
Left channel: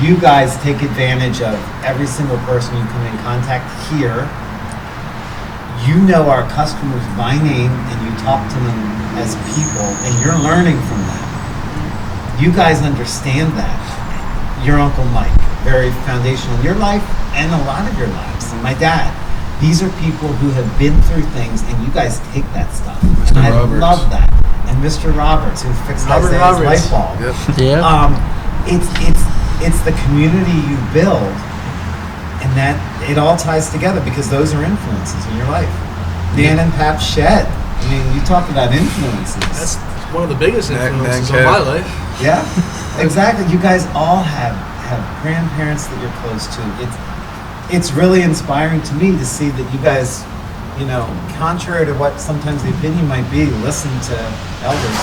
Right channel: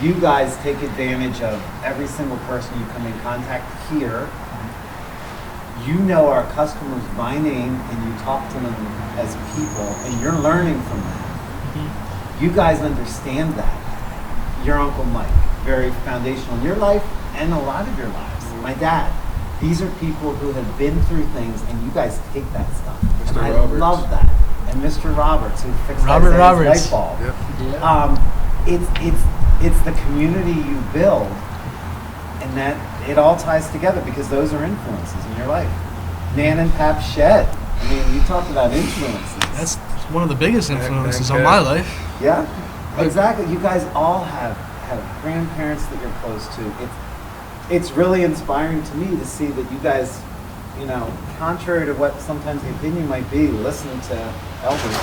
you guys take advantage of every single person you come in contact here. You know our customers by name, and you talk to them as people, and you're learning from them. You guys understand that. Your Uncle Mike, very foundational in your life and a lot of your lives. And my dad, these are people who have been through things, and you guys take that stuff. And I Roberts. love that. And Mr. Roberts, who fixed Robert Isaiah's Roberts. light bulb. Yeah. It's the community you build, and that it all ties together because those are influences in your life. Nan and Pap Shed. I mean, you talk about influences. that's one of the biggest Dang, influences dang, on yeah. my life. Yeah, exactly. You guys all have grandparents that you're close to. It's really inspiring to me to see that you guys you know, contrary to what sometimes the opinion might be, listen to elders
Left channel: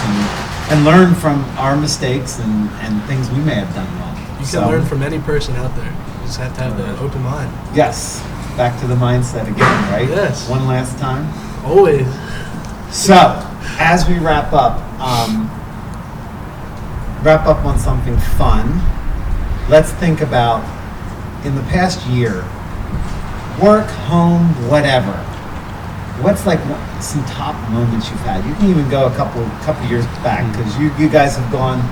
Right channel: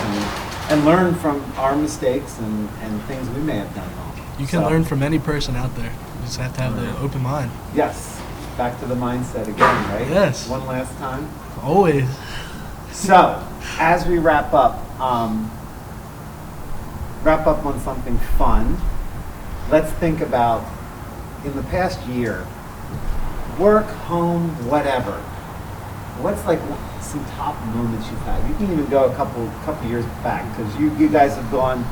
and learn from our mistakes and things we may have done wrong. You can learn from any person out there. You just have to have the open mind. Yes. Back to the mindset again, right? Yes. One last time. Always. So, as we wrap up on something fun, let's think about, in the past year, work, home, whatever. What's like some top moments you've had? You can even go a couple years back, because you guys have gone,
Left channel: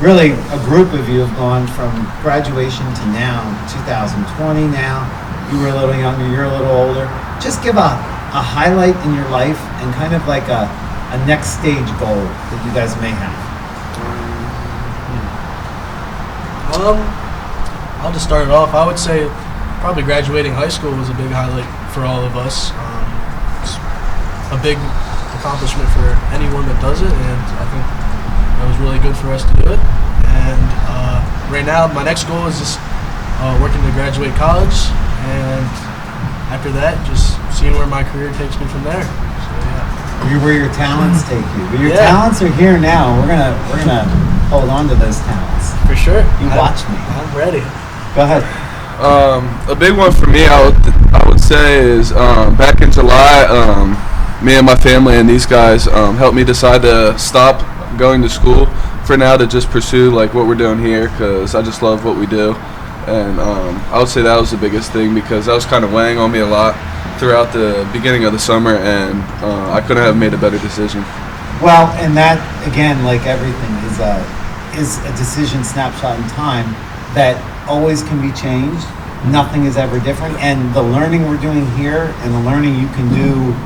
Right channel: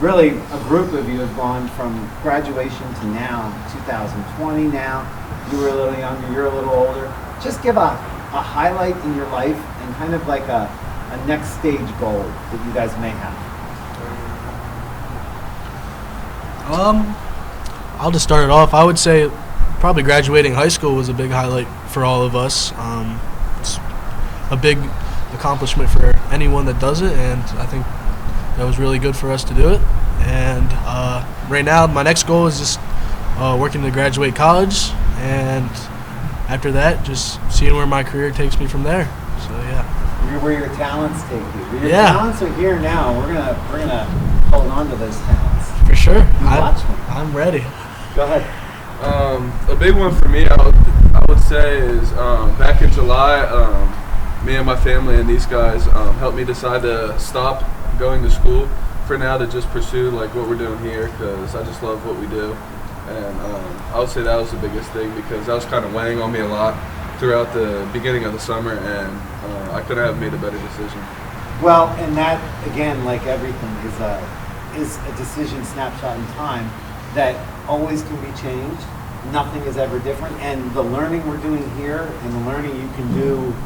really a group of you have gone from graduation to now, 2020 now. You were a little younger, you're a little older. Just give a highlight in your life and kind of like a next stage goal that you guys may have. I'll just start it off. I would say probably graduating high school was a big highlight for all of us. It's a big accomplishment for anyone that does it, and I think that was really good for us to do it. And right now, my next goal is just working to graduate college, and after that, just seeing where my career takes me from there. So yeah. Where your talents take you. But your Yeah. talents are here now. We're gonna hold on to those talents. For sure. Watch me. I'm ready. Go ahead. A big one for me, I would say, is back in July, me and my family and these guys helped me decide to stop going to school for now, to just pursue like what we're doing here, because I just love what we do. And I would say that was the biggest thing, because that was kind of weighing on me a lot throughout the beginning of the summer, and I couldn't have made a better decision. Well, and that again, like everything, is a decision snapshot in time that always can be changed. Nothing is ever different, and the learning we're doing here and the learning you can do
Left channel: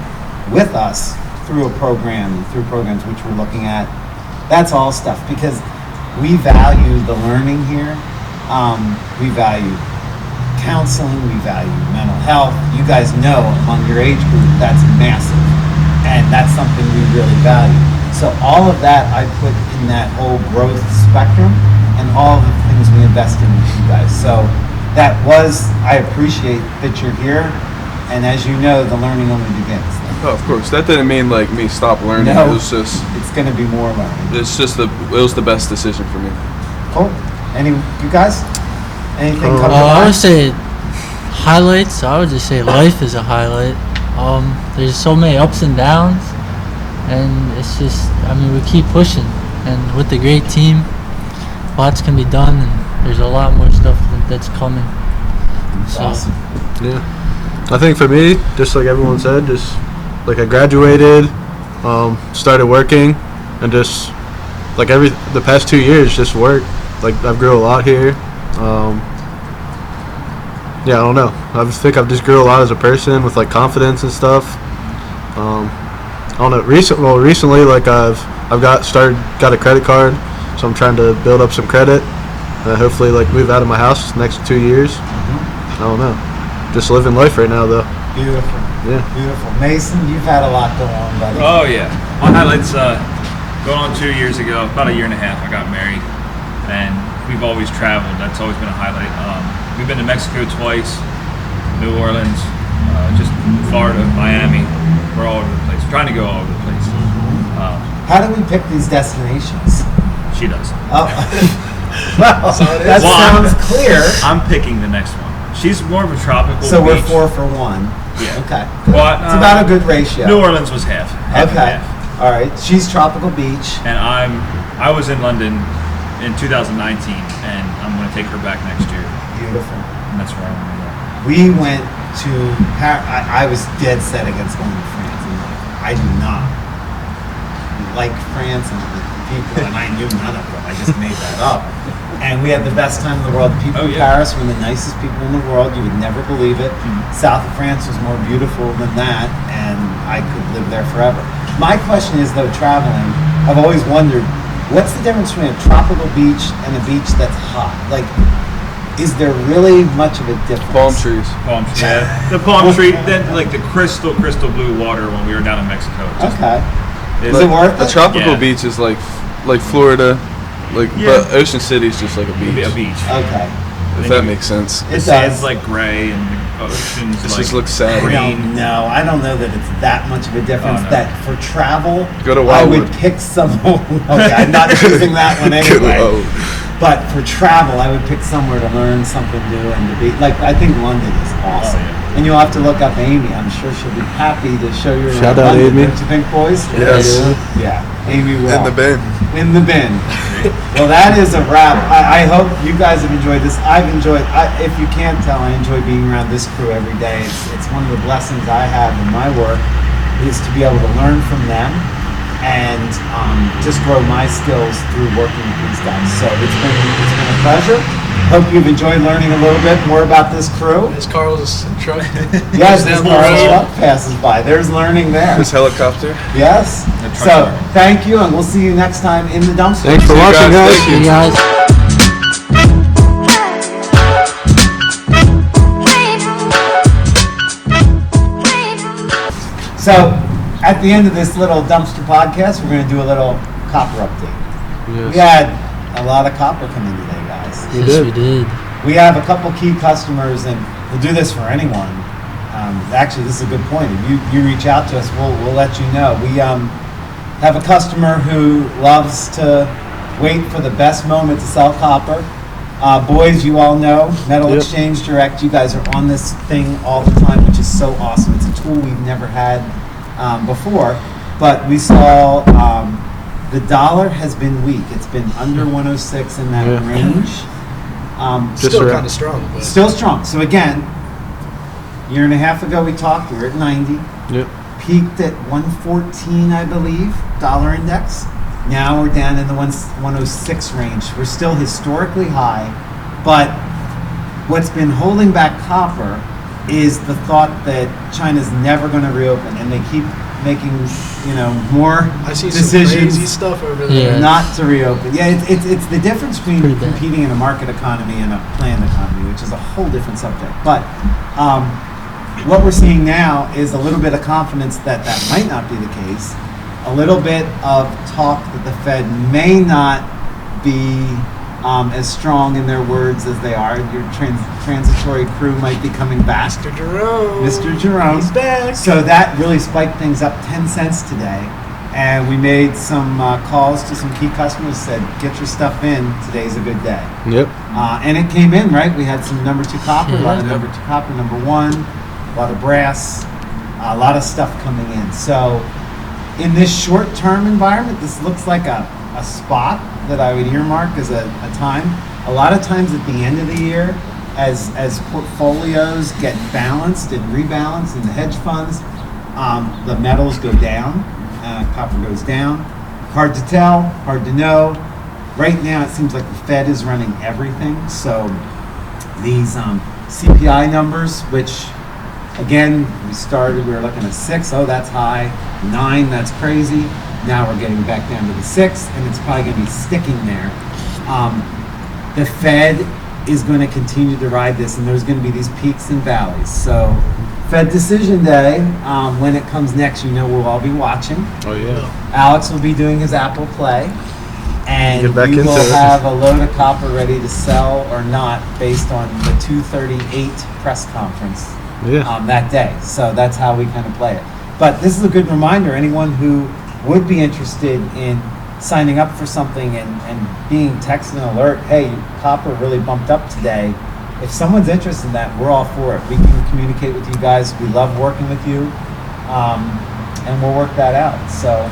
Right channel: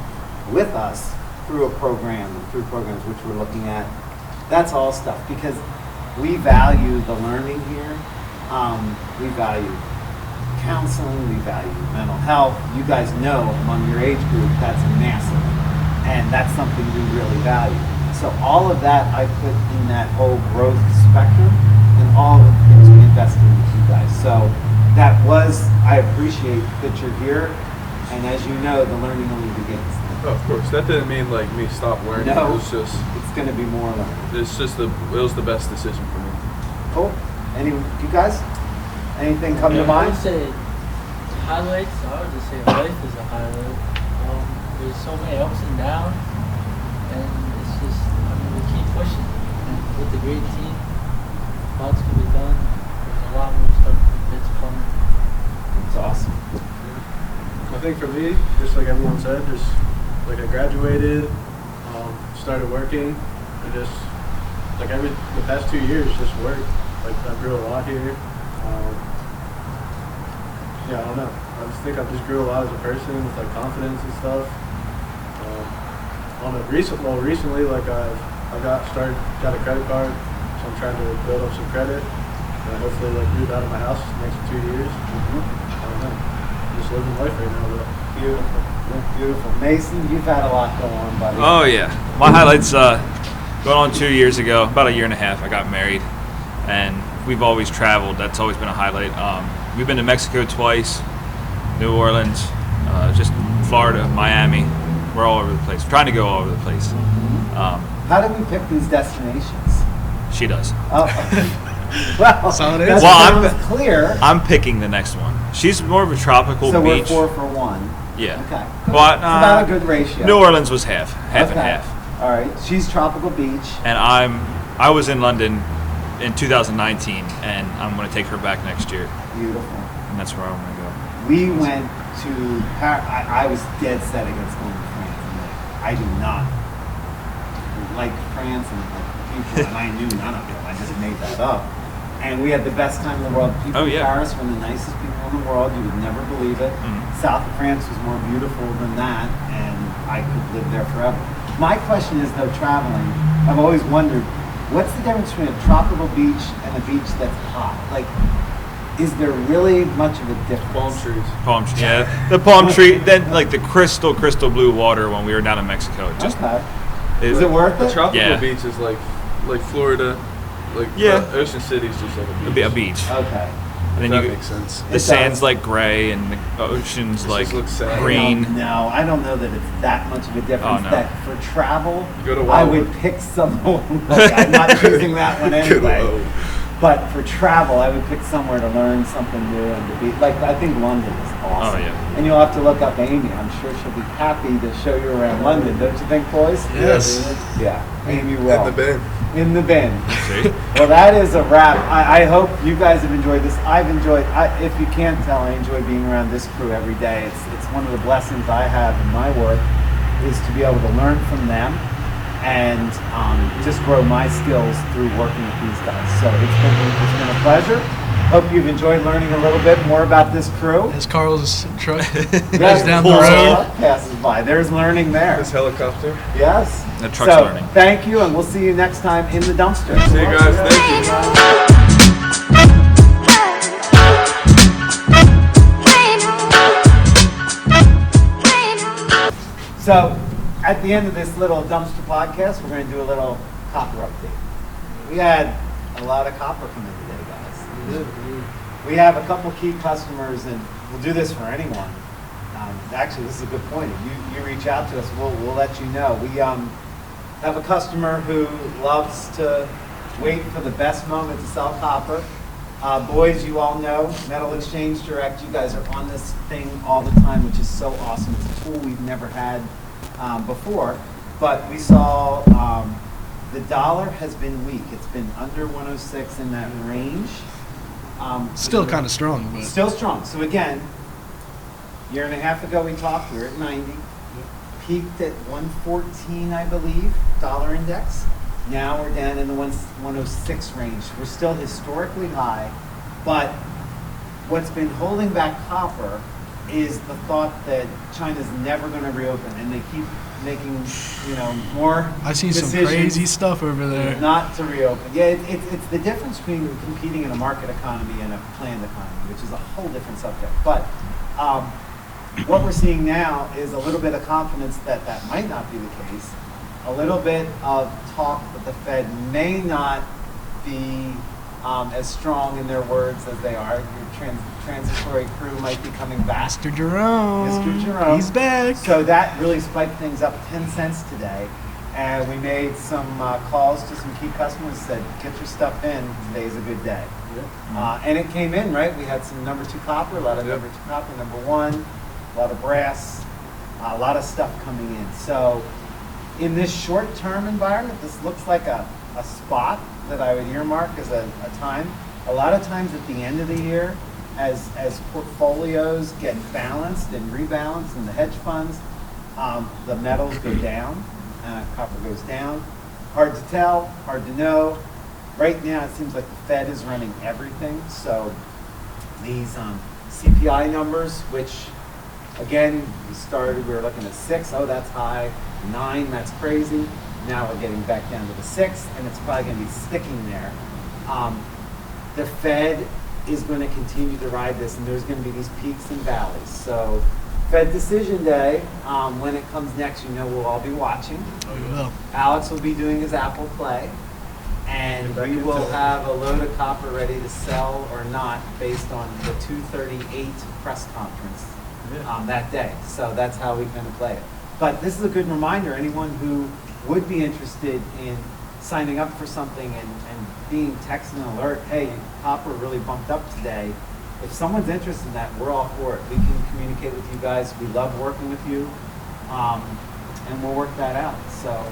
with us through programs which we're looking at, that's all stuff, because we value the learning here. We value counseling, we value mental health. You guys know among your age group that's massive, and that's something we really value. So all of that I put in that whole growth spectrum, and all the things we invest in with you guys. So I appreciate that you're here, and as you know, the learning only begins. Oh, of course, that didn't mean like me stop learning. No. It was just, It's going to be more learning. it was the best decision for me. Cool. You guys? Anything come to I would mind? say highlights. I would just say life is a highlight. There's so many ups and downs, and it's just, we keep pushing, and with the great team, lots can be done, and there's a lot more stuff that's coming. That's So, awesome. Yeah. I think for me, just like everyone said, just like I graduated, started working, and just like the past 2 years, just work. Like I've grew a lot here. Yeah, I don't know. I think I've just grew a lot as a person with like confidence and stuff. I don't know. Recently, like I've got a credit card, so I'm trying to build up some credit. Hopefully, like move out of my house next 2 years. I don't know. Just living life right now, though. Beautiful. Yeah. Beautiful. Mason, you've had a lot going on, buddy. Oh yeah, my highlights going on 2 years ago, about a year and a half. I got married, and we've always traveled. That's always been a highlight. We've been to Mexico twice, New Orleans, just Florida, Miami. We're all over the place. We're trying to go all over the place. How do we pick these destinations? She does. Oh. Well, So it that is. Well, sounds clear. I'm picking the next one. She's more of a tropical So we're beach. 4 for 1. Yeah. Okay. Well, It's about a good ratio. New Orleans was half and Okay. half. All right. She's tropical beach. And I was in London in 2019, and I'm going to take her back next year, Beautiful. and that's where I'm going to go. We went to Paris. I was dead set against going to France. I do not like France and the people, and I knew none of them. I just made that up. And we had the best time in the world. People Oh, in yeah. Paris were the nicest people in the world. You would never believe it. South of France was more beautiful than that, and I could live there forever. My question is, though, traveling, I've always wondered, what's the difference between a tropical beach and a beach that's hot? Like, is there really much of a difference? Palm trees. Palm tree. Yeah, the palm tree. Then like the crystal blue water when we were down in Mexico. Just, Okay. it's- Is it worth A it? tropical Yeah. beach is like Florida, like Yeah. but Ocean City is just like a It'd be beach. a beach. Okay. If that makes sense. The It sand's does. like gray, and ocean's This like just looks sad. green. No, I don't know that it's that much of a difference. Oh, no. That for travel, Go to I would Wildwood. pick some. Okay, I'm not choosing that one anyway. But for travel, I would pick somewhere to learn something new and to be like. I think London is awesome, Oh, yeah. and you'll have to look up Amy. I'm sure she'll be happy to show you around Shout out London. Amy. Don't you think, boys? Yes. Yeah, Amy will. In the bin. In the bin. Well, that is a wrap. I hope you guys have enjoyed this. I've enjoyed. If you can't tell, I enjoy being around this crew every day. It's one of the blessings I have in my work is to be able to learn from them and just grow my skills through working with these guys. So it's been a pleasure. Hope you've enjoyed learning a little bit more about this crew. As Carl's truck Yes, down the as road. truck passes by. There's learning there. This helicopter. Yes. And truck So stop. thank you, and we'll see you next time in the dumpster. Thanks for watching, guys. Thank You guys. So, at the end of this little dumpster podcast, we're going to do a little copper update. We had a lot of copper come in today, guys. We Yes, did. we did. We have a couple key customers, and we'll do this for anyone. Actually, this is a good point. If you reach out to us, we'll let you know. We have a customer who loves to wait for the best moment to sell copper. Boys, you all know Metal Yep. Exchange Direct. You guys are on this thing all the time, which is so awesome. It's a tool we've never had before, but we saw the dollar has been weak. It's been under 106 in that Yeah. range. Still around. kind of strong, but Still strong. So again, a year and a half ago we talked. We were at 90, Yep. peaked at 114, I believe, dollar index. Now we're down in the 106 range. We're still historically high, but what's been holding back copper is the thought that China's never going to reopen, and they keep making, more I see decisions some crazy stuff over there. Yeah. not to reopen. Yeah, it's the difference between Pretty bad. competing in a market economy and a planned economy, which is a whole different subject. But what we're seeing now is a little bit of confidence that that might not be the case. A little bit of talk that the Fed may not be as strong in their words as they are. Your transitory crew might be coming back. Mr. Jerome. Mr. Jerome. He's back. So that really spiked things up 10 cents today. And we made some calls to some key customers, said, get your stuff in, today's a good day. Yep. And it came in, right? We had some number 2 copper, a lot of Yeah. number 2 copper, number 1, a lot of brass, a lot of stuff coming in. So in this short-term environment, this looks like a spot that I would earmark as a time. A lot of times at the end of the year, as portfolios get balanced and rebalanced in the hedge funds, the metals go down, copper goes down. Hard to tell, hard to know. Right now, it seems like the Fed is running everything. So these CPI numbers, which again, we were looking at 6, oh, that's high. 9, that's crazy. Now we're getting back down to the 6, and it's probably going to be sticking there. The Fed is going to continue to ride this, and there's going to be these peaks and valleys. So Fed decision day, when it comes next, we'll all be watching. Oh yeah. Alex will be doing his Apple Play, and Get back we into will it. have a load of copper ready to sell or not based on the 2:38 press conference Yeah. that day. So that's how we kind of play it. But this is a good reminder, anyone who would be interested in signing up for something and being texted an alert, hey, copper really bumped up today. If someone's interested in that, we're all for it. We can communicate with you guys. We love working with you, and we'll work that out. So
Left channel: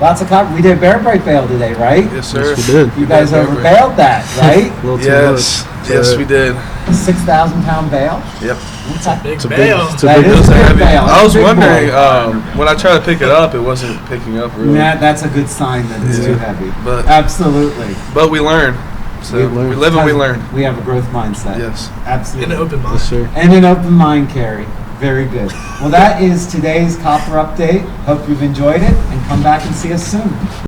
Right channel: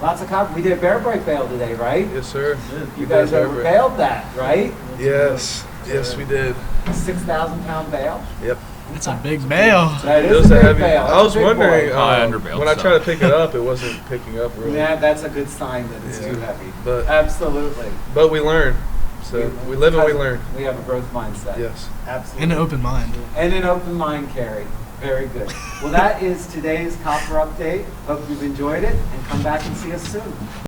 lots of copper. We did Bear Break Bale today, right? Yes, sir. Yes, we did. You guys Bear over Break. bailed that, right? A little too Yes. much. Yes, we did. 6,000 pound bale. Yep. It's a big It's a bail. big- it's a That big- is It was a big heavy. bale. I was Big boy. wondering, Underbale. when I tried to pick it up, it wasn't picking up really. Nah, that's a good sign that it's Yeah. too heavy. But- Absolutely. But we learn. So We we, learn. live and we learn. We have a growth mindset. Yes. Absolutely. In an open mind. Yes, sir. And an open mind, Cary. Very good. Well, that is today's copper update. Hope you've enjoyed it, and come back and see us soon.